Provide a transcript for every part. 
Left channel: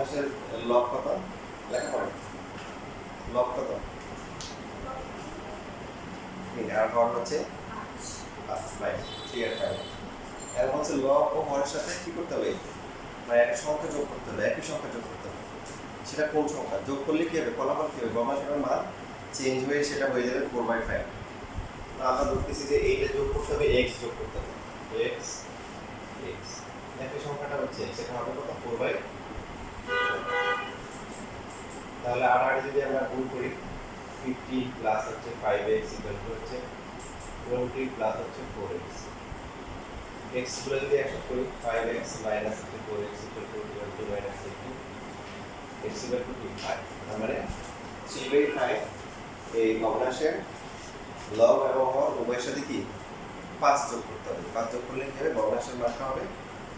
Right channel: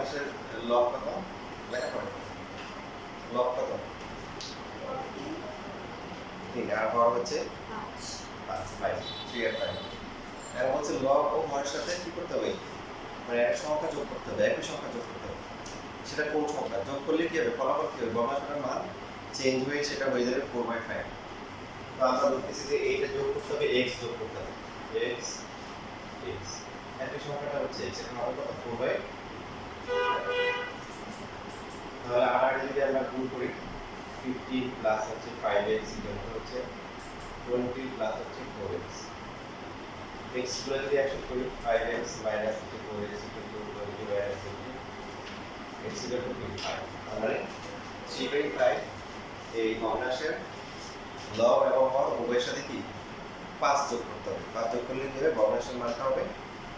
ভগ্নাংশের লব কত লেখা পড়ে লব কত 3 আর হর হচ্ছে 5 3 আর 5 এর হচ্ছে লব ও হরের সাথে কি করতে হবে মানে একটা সংখ্যা যোগ করতে হবে একই সংখ্যা যোগ করতে হবে সেটা কোন সংখ্যা যোগ করলে কি হবে ফলাফল কি হবে ভগ্নাংশের মান চেঞ্জ হয়ে সেটা হয়ে যাবে 4/5 তো আমরা বলতেছি যে এইটা যোগ করতে হবে x যোগ করতে হবে x একই সংখ্যাটা হচ্ছে x এটা হবে কত 4/5 তাহলে আর যদি আমরা গুণ করি 15 প্লাস হচ্ছে 5x হচ্ছে 20 প্লাস হচ্ছে 4x x গুলো যদি একসাথে করি 5x minus 4x 20 minus 8 x equal to 5 মানে 3/5 এই ভগ্নাংশের লব এবং হর উভয়ের সাথে কি 5 যোগ করতে হবে 5 যোগ করলে কি হবে ভগ্নাংশের মানটা হবে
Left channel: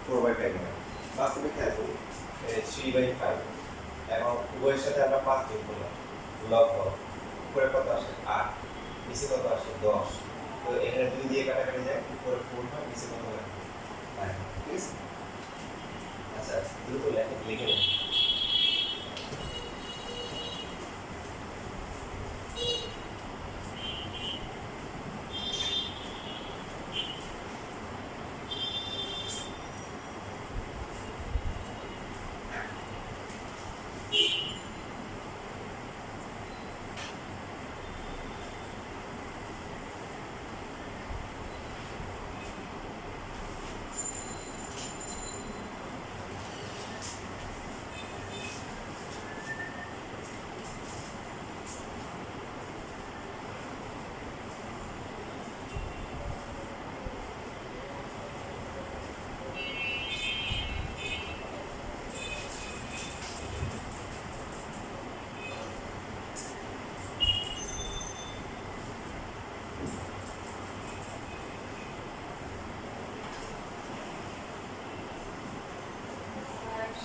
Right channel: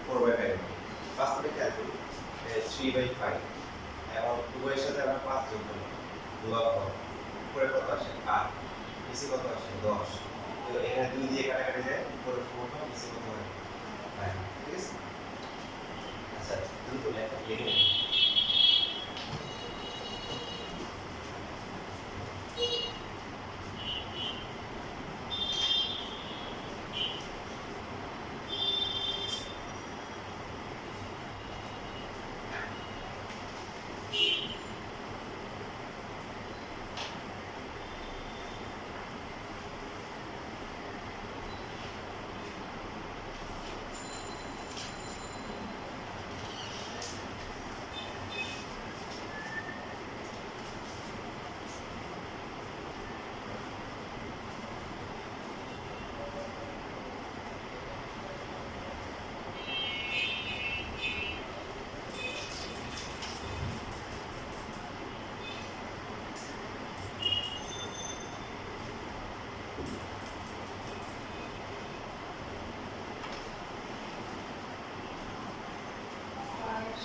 4/5 হবে বাস্তবে খেয়াল করি 3/5 এবং উভয়ের সাথে আমরা 5 যোগ করলাম লব হর উপরে কত আসে 8 নিচে কত আসে 10 তো এখানে 2 দিয়ে কাটাকাটি যায় উপরে 4 হয় নিচে কত হয় 9 ঠিক আছে আচ্ছা দ্রুত লিখে নিন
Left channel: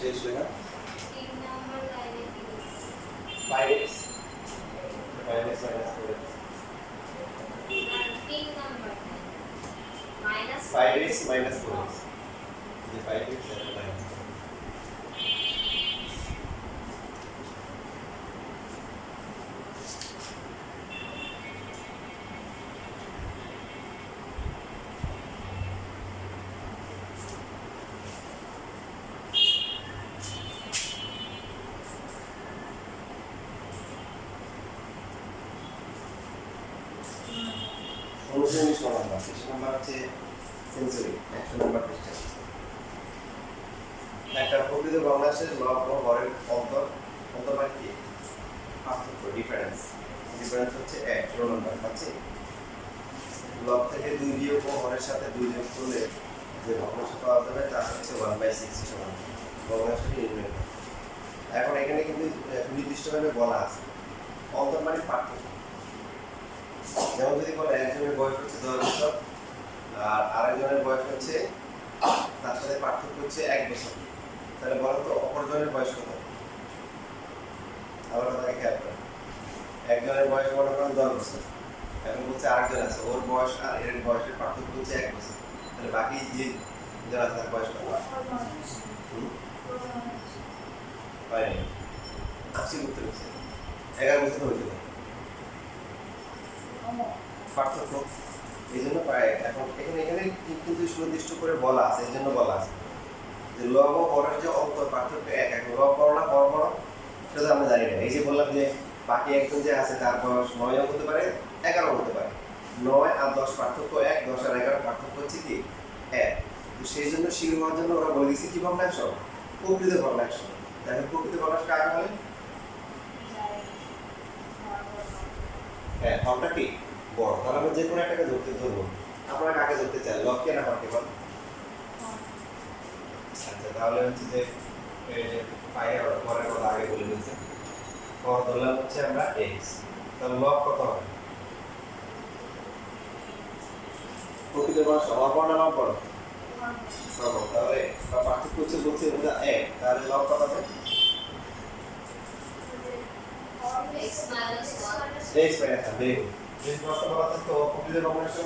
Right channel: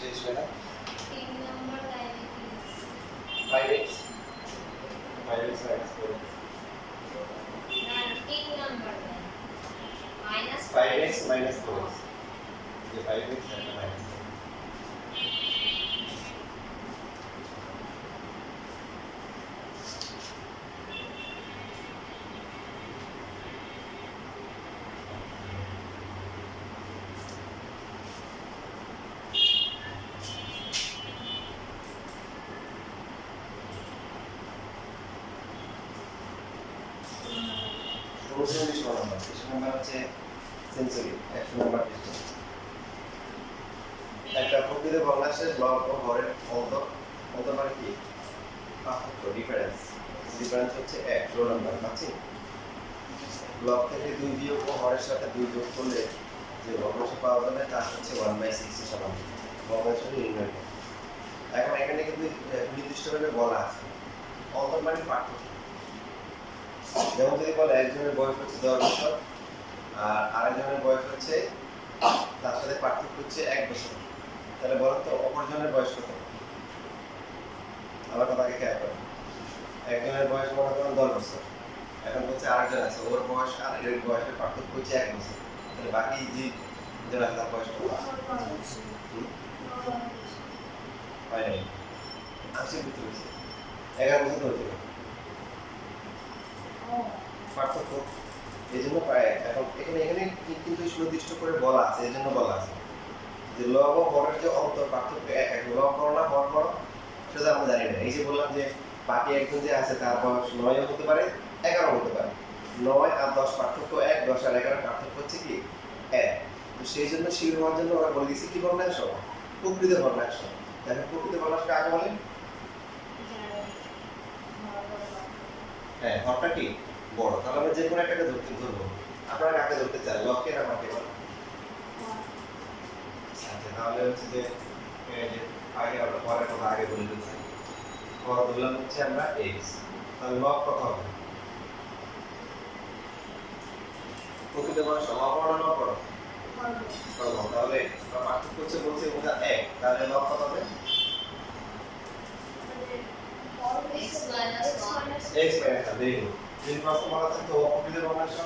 শেষ লেখা 3 নম্বর লাইনে প্লিজ 5x minus 4x না 3 নম্বর line minus 5x minus 4x যে 5x minus উনচল্লিশ নাম্বার 30 নাম্বার হচ্ছে সেঞ্চুরি 100 নাম্বার পৃষ্ঠা একটা প্রকৃত ভগ্নাংশের লব ও হরের অন্তর মানে কি পার্থক্য ডিফারেন্স হচ্ছে 1 16 নাম্বার পাচ্ছি লব থেকে 2 বিয়োগ ও হরের সাথে 2 যোগ করলে যে ভগ্নাংশ পাওয়া যাবে তা হচ্ছে 1/6 সমান ভগ্নাংশটি নির্ণয় করো এখন এখানে কিন্তু নির্দিষ্টভাবে বলা আছে অন্তর মানে পার্থক্য যেমন যদি বলে একজনের বয়স হচ্ছে 10 বছর আর আরেকজনের বয়স হচ্ছে তার সাথে পার্থক্য হচ্ছে 1 বছর তাহলে বলো তো অপরজনের বয়স কত আমার কথাকে খেয়াল করেন একজনের বয়স মনে করেন 10 বছর এখন বলছে আরেকজন আছে ওর বয়স আর এর বয়সের পার্থক্য হচ্ছে 1 বছর তাহলে বাকি যে জন আছে তার বয়স কত হয় নাই আসছে উত্তর হচ্ছে 11 বছর তো হইতে পারে পার্থক্য এই জন্য এখন এখানে কিন্তু সুনির্দিষ্ট করে বলা আছে এই জন্য বলা আছে যে লব ও হরের যে অন্তর পার্থক্য এক লব বড় না হর বড় সেটা আমরা জানি না এই যে বললাম যে বাকি একজন যে আছে তার বয়স 9 হতে পারে 11 হতে পারে 9 আর 10 পার্থক্য 1 10 আর 11 পার্থক্য হচ্ছে কি 1 তো সেই জন্য শির হওয়ার জন্য ওরা বলে দিয়েছে কি ভগ্নাংশ প্রকৃত ভগ্নাংশ দেখেন প্রকৃত ভগ্নাংশ কাকে বলে হ্যাঁ হরটা কি বড় তাহলে আমরা যে কোনো একটাকে ধরবো আপনারা কাকে ধরতে চান লবকে না হরকে বল আচ্ছা তাহলে হচ্ছে যে পাইয়া পরের কথা আগে বলে দিয়েছে হর ধরলাম হচ্ছে আমরা x তাহলে লব কত হবে প্রকৃত ভগ্নাংশ হর না বড় তাহলে পার্থক্য হচ্ছে বলছে ওটা 1 তাহলে লব কত হবে x minus 1 x minus 1 দেখুন যদি প্রশ্ন বলা থাকতো প্রকৃত ভগ্নাংশ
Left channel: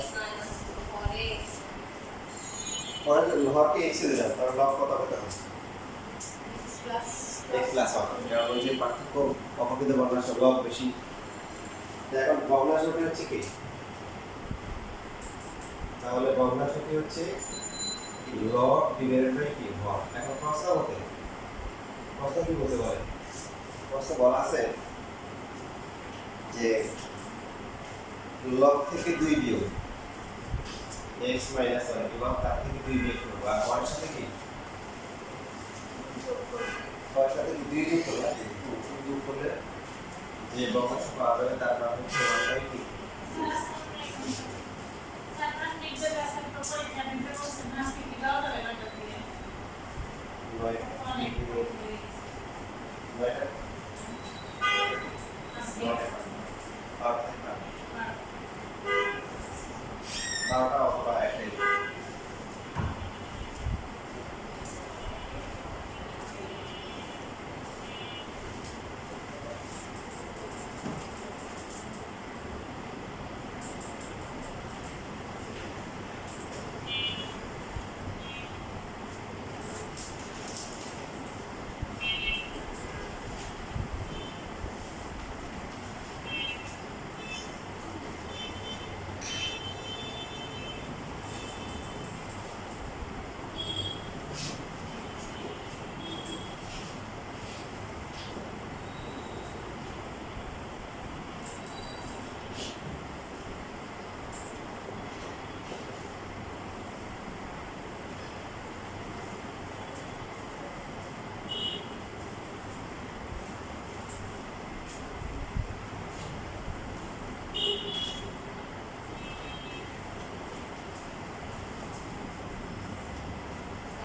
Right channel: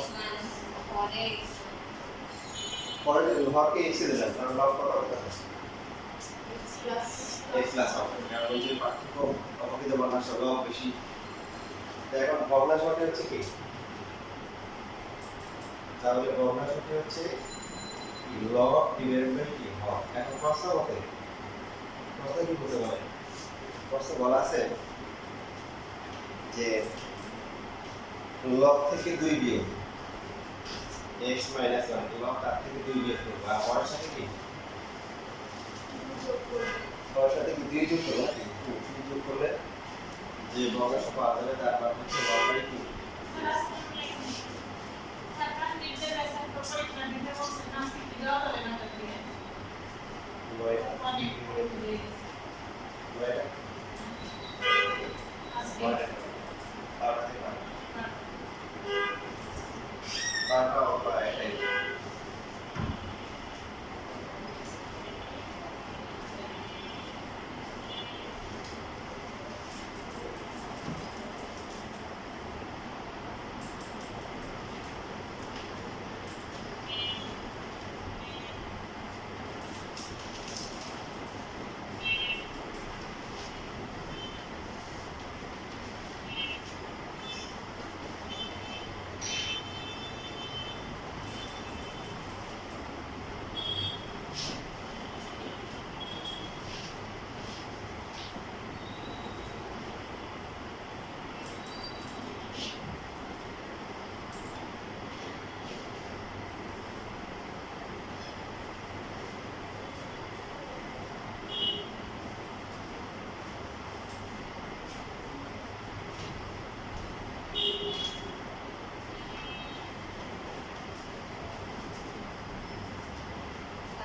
x minus 4x পরে হরকে x এ দিলাম তাহলে লব কত হবে তখন x plus x প্লাস হবে কারণ ওই যে পার্থক্য অপকৃত ভগ্নাংশ লব বেশি তো এখন ভগ্নাংশটি হচ্ছে কি তাহলে ভগ্নাংশটি হচ্ছে লব ডিভাইডেড বাই কি হর এখন প্রশ্ন মতে প্রশ্ন কি বলতে পারে প্রশ্ন বলা আছে যে লব থেকে 2 বিয়োগ x - 1 লব তার থেকে 2 বিয়োগ করব আর হরের সাথে কি হরের সাথে কি 2 যোগ করব নাকি 2 যোগ করলে যে ভগ্নাংশ পাওয়া যাবে তার মান হচ্ছে 1 বাই 2 নয় আর থেকে বারোটা অথবা একটাই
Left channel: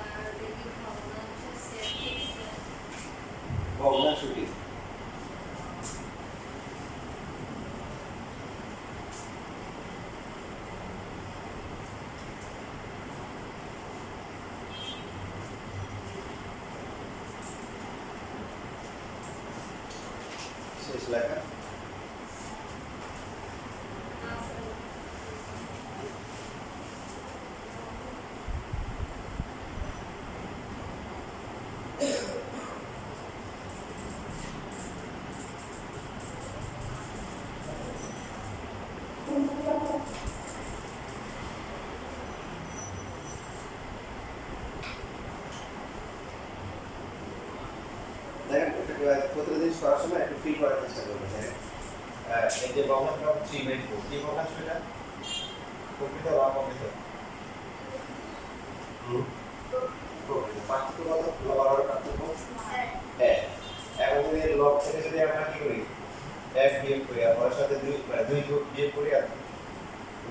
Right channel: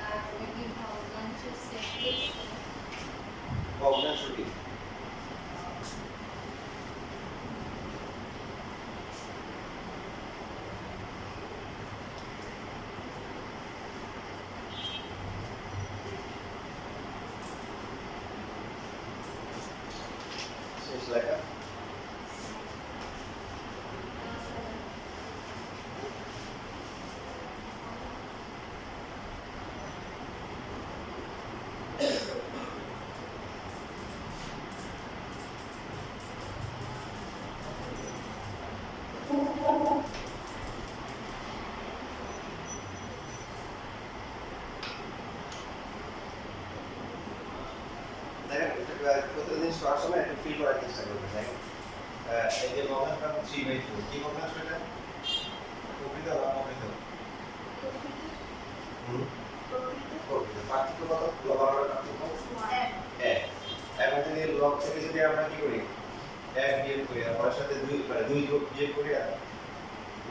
আর এটি ভগ্নাংশের সেট লিখছে ভগ্নাংশটি শেষ লেখা দেখেন প্রত্যেকটা জিনিস করার সময় একটু ফিল করার চেষ্টা করবেন দেখেন এই যে ভগ্নাংশটা 3/4 কি ভগ্নাংশ এটা প্রকৃত বা অপ্রকৃত প্রকৃত পার্থক্য কত লব আর হরের পার্থক্য 1 এখন যদি লব থেকে যদি আমরা কি করি 1 বিয়োগ করি আর হরের সাথে 2 মানে 2 যোগ বিয়োগ করি আর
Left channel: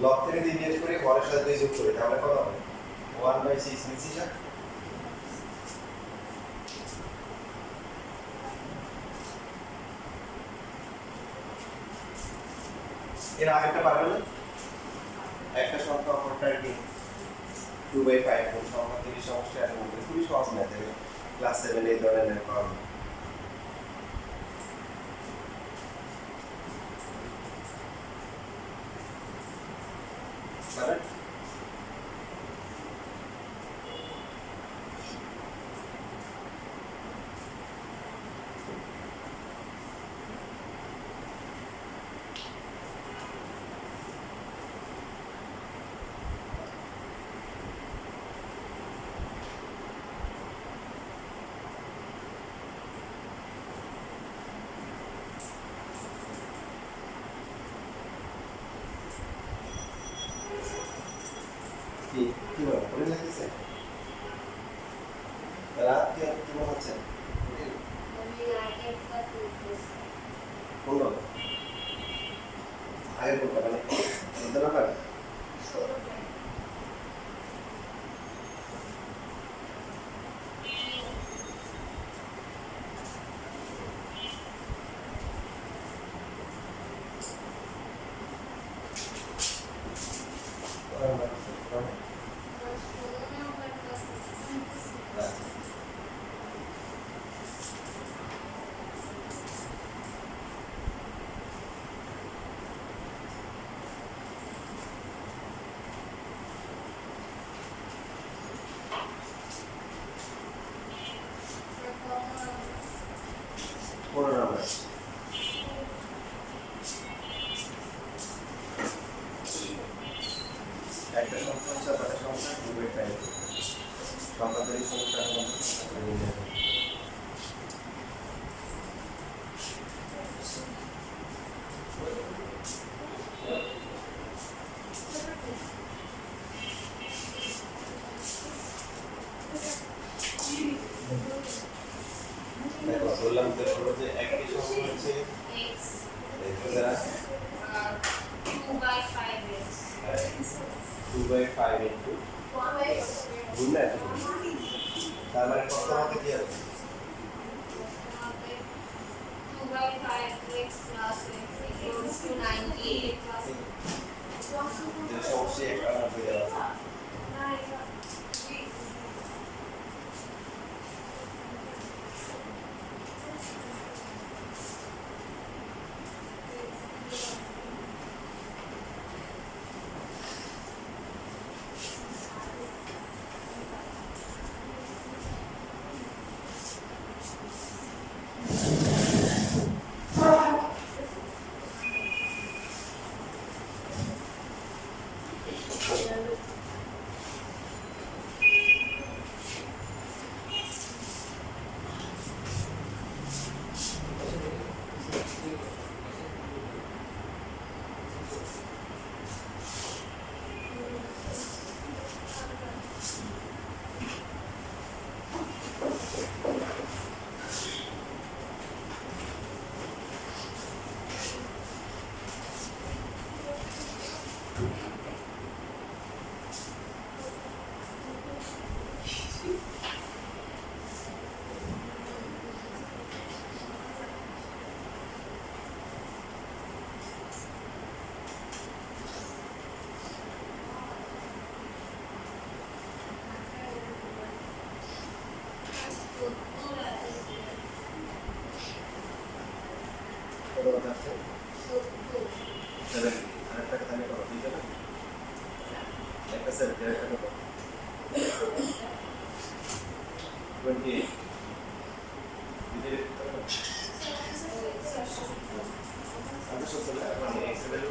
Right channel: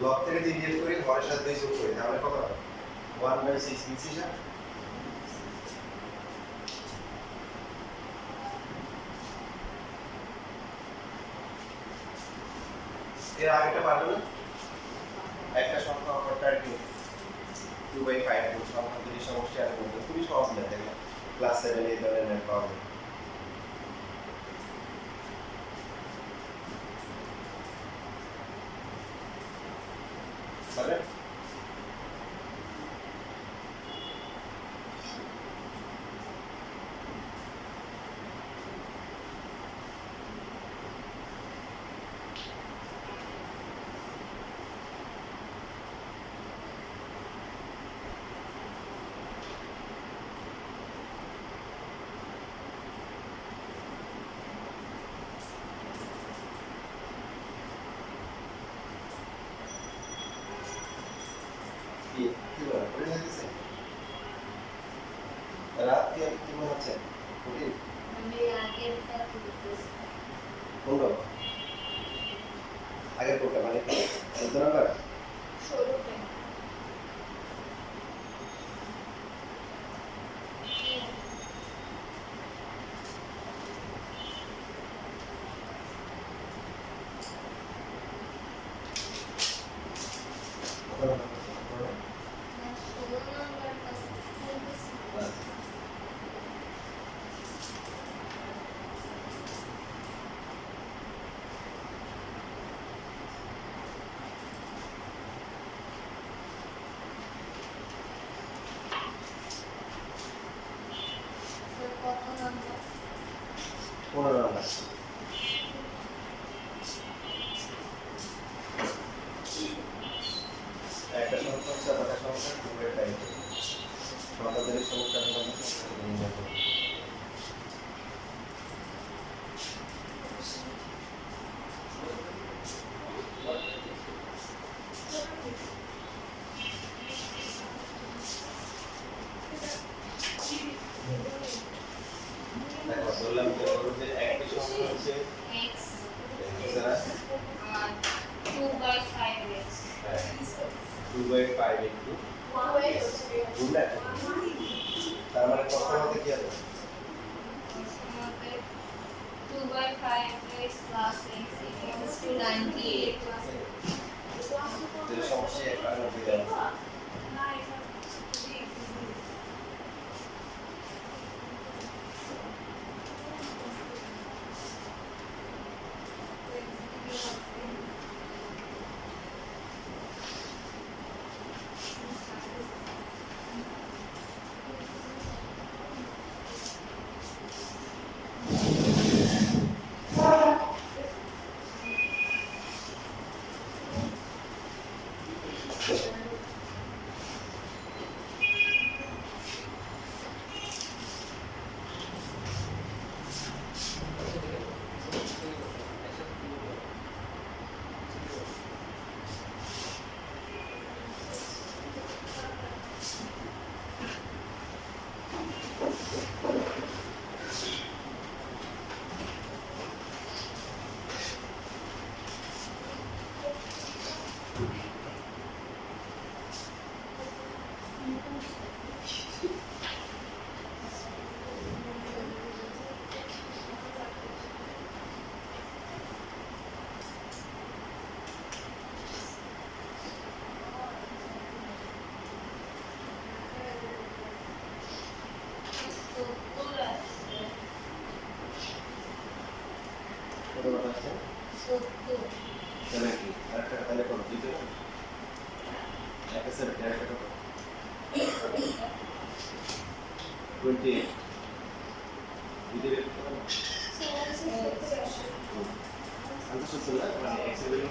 লব থেকে 2 বিয়োগ করি হরের সাথে 2 যোগ করি তাহলে কত হবে 1/6 মিশি যা এর আগেটা পারবে না একটা সংখ্যা অপরটার কি 2/5 কোন সংখ্যা 30 সমষ্টি আর মধ্যে খুবই সহজ ম্যাথ এগুলো ক্লাস 7 এই ধরনের ম্যাথ পাওয়া যায় পারবে কি কি বলে পড়ে লাগতেছে রাত কি কি মনে হচ্ছে কঠিন আমি আগেরটা তুলতেছি কোনটা আগে কোনটা মানে 14 নাম্বার 16 টা 5 ইনটু গুণ না তার মানে কত মতে কি হবে আমাকে 2/5x plus x equals to 98 যে সমস্যা 91 দেওয়া আছে কত কথা আছে 70 আর একটা তাহলে কত দিতে না একটা 70 একটা কত 28 দিতে আমি সত্যি না মানে x এর ভ্যালু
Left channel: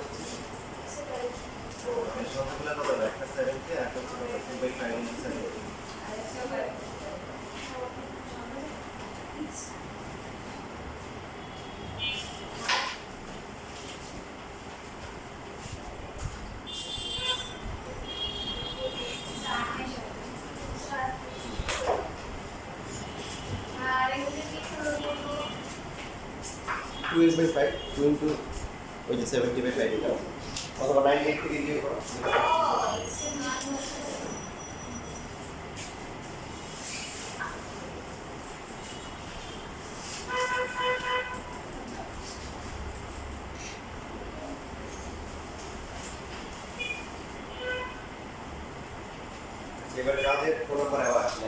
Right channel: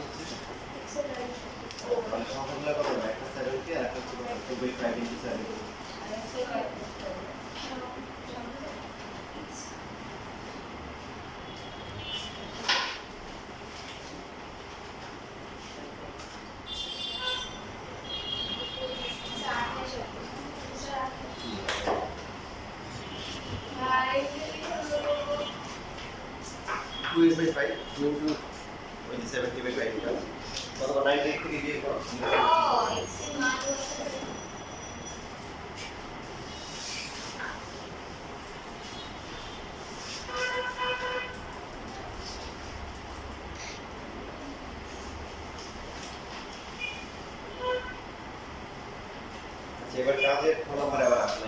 মানে সংখ্যাগুলো কত একটা 70 আর একটা হচ্ছে 2/5 ইনটু 70 2/5 2 into ওই যে 70/5 এটা অথবা 98 থেকে দিয়ে করো এবার কাজের ফোন নাম্বার আবার আসলে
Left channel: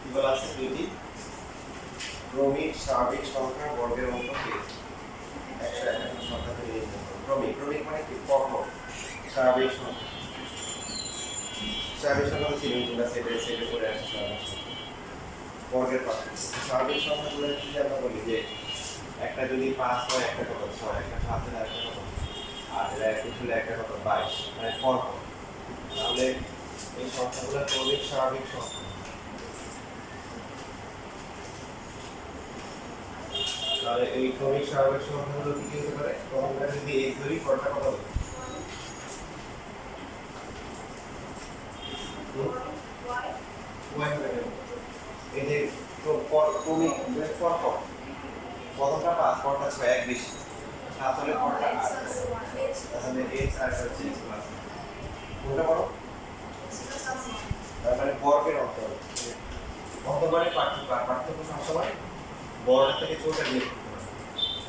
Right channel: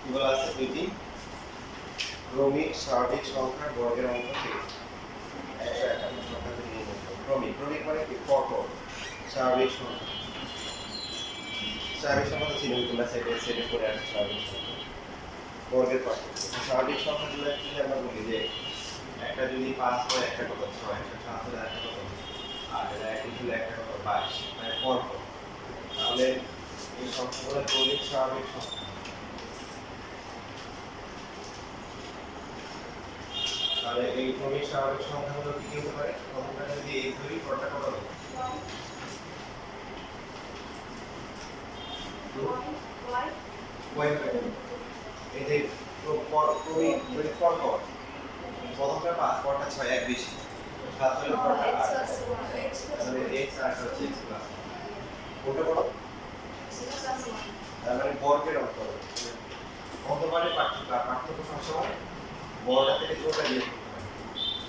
কি বলা আছে দুইটি ক্রমিক স্বাভাবিক সংখ্যা বর্গের অঙ্ক কি 151 সংখ্যা থেকে নির্ণয় করো ক্রমিক মানে কি পরপর স্বাভাবিক সংখ্যা তো ছিল তোমরা সেটে করে আসছে স্বাভাবিক সংখ্যা বর্গের পার্থক্য স্বাভাবিক সংখ্যাগুলো কি আমরা বলি যে একটা যদি 5 হয় একটা কত 6 একটা 7 হলে একটা কত আর এটা 21 হলে একটা কত 22 মানে পরপর তাহলে এই সংখ্যাগুলো ক্রমিক স্বাভাবিক সংখ্যা তাহলে এই ক্রমিক স্বাভাবিক সংখ্যাগুলো কি হতে পারে প্রথমটা যদি x ধরি পরটা কত হবে y হবে এই যে ক্রমিক পরপর প্রথমটা 5 পরটা 6 এক বেশি 7 হলে পরটা 8 তাহলে x আর হচ্ছে x প্লাস কোনটা বড় তার মানে বর্গের অঙ্ক অন্তবারে পার্থক্য সবসময় বড়টা থেকে ছোটটা বিয়োগ করতে হবে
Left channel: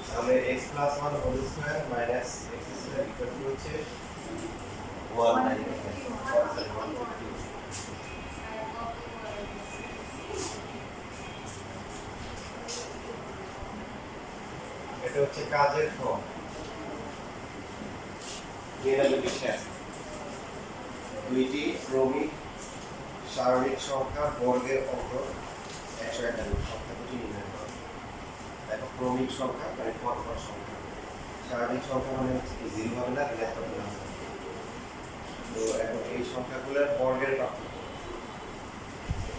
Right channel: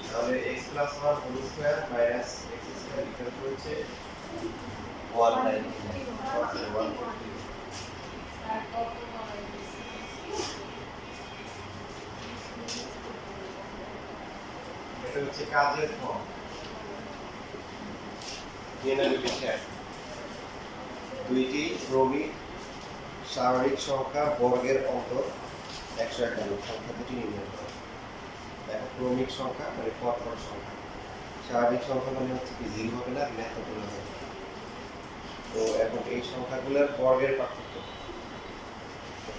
তাহলে x plus 1 whole square minus x square equal to হচ্ছে 190 এটা হচ্ছে কাজের ফর্ম দুইটি ক্রমিক স্বাভাবিক সংখ্যা বর্গের অঙ্ক 151 সংখ্যা দুটি নির্ণয় করো দেখো ক্রমিক সংখ্যা মানে পরপর সংখ্যা স্বাভাবিক সংখ্যা মানে হচ্ছে কি 0 হবে না ঋণাত্মক হবে তো এখন এই সংখ্যাগুলোর বর্গের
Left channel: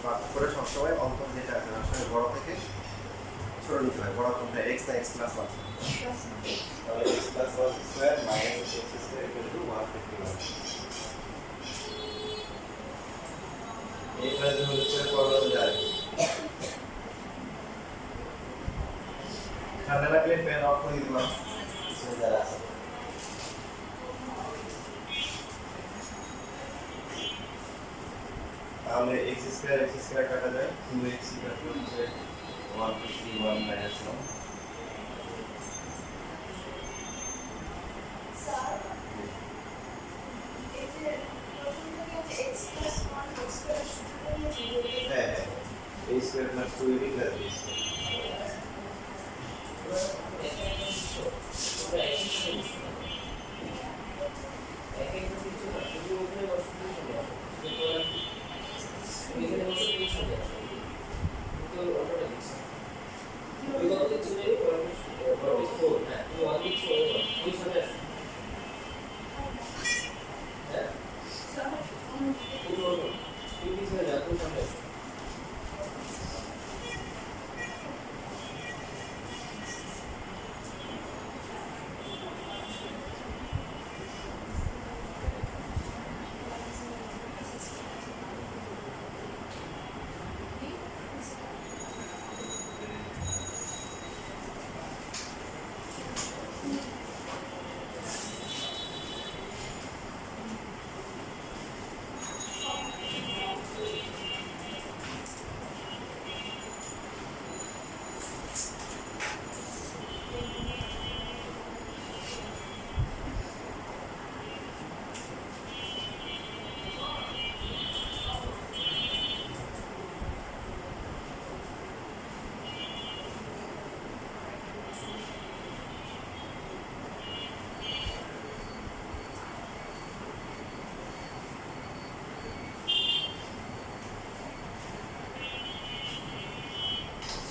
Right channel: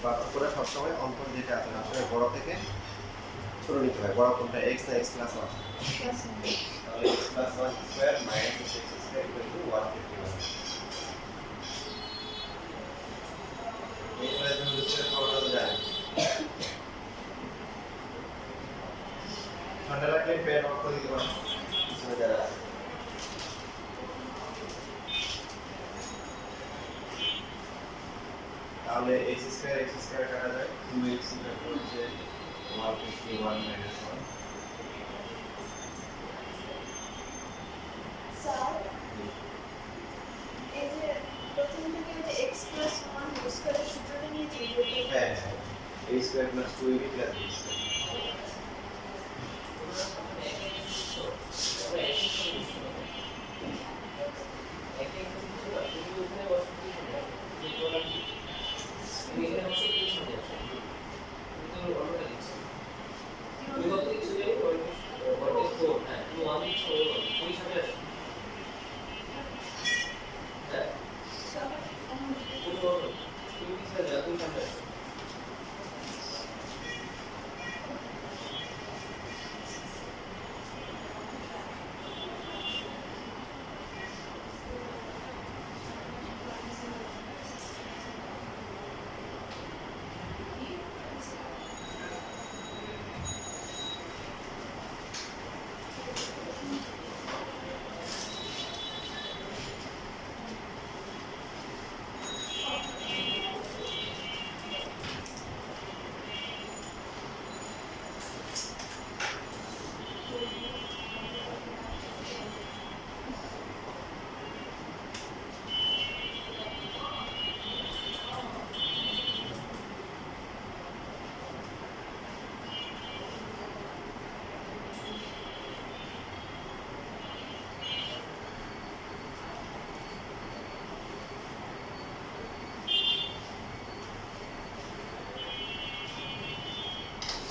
পার্থক্যটা সবসময় অন্তর যেটা আছে আসলে বড় থেকে ছোট নিতে হয় বড় কোনটা x না x প্লাস 1 তাহলে x plus 1 square minus x square equal two 151 এই ক্লাসে হলো ফর্মুলা যায় ঠান্ডা লাগে থাকলে ফ্যান অফ করে দিতে পারেন পিছনে যারা আছে। তাহলে x স্কয়ার কাটা যায় 2x হচ্ছে 151 1 স্যার এই যে প্রথম থেকে যে x plus 1 হোল স্কয়ারের সূত্রটা নিয়েছি হ্যাঁ হ্যাঁ a square plus 2ab plus b square.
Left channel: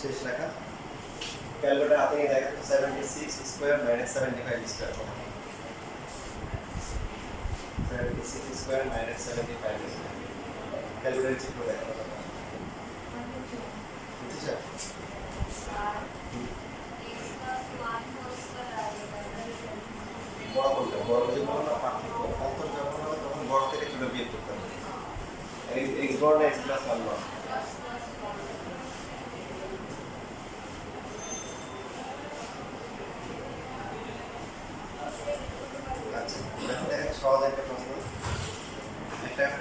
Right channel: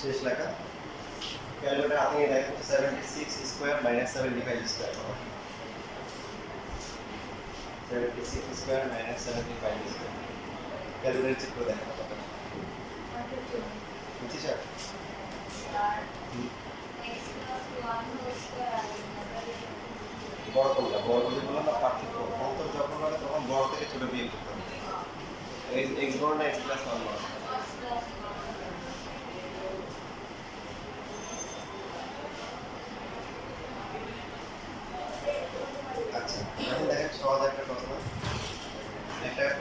শেষ লেখা ক্যালকুলেটর হাতে নিয়ে দেখো 76 স্কয়ার মাইনাস 75 স্কয়ার কত 76 square minus 75 square calculator check করে দেখো কত বুঝছিস আর x plus 1 whole square আগে বড় কোনটা বড় যদি বলো না পার্থক্য অন্তর যখন হবে তখন বড় থেকে ছোট বিয়োগ করতে হবে x বড় না x প্লাস 1 বড় plus plus 1 আচ্ছা এখন দেখেন সহজ একটা প্রশ্ন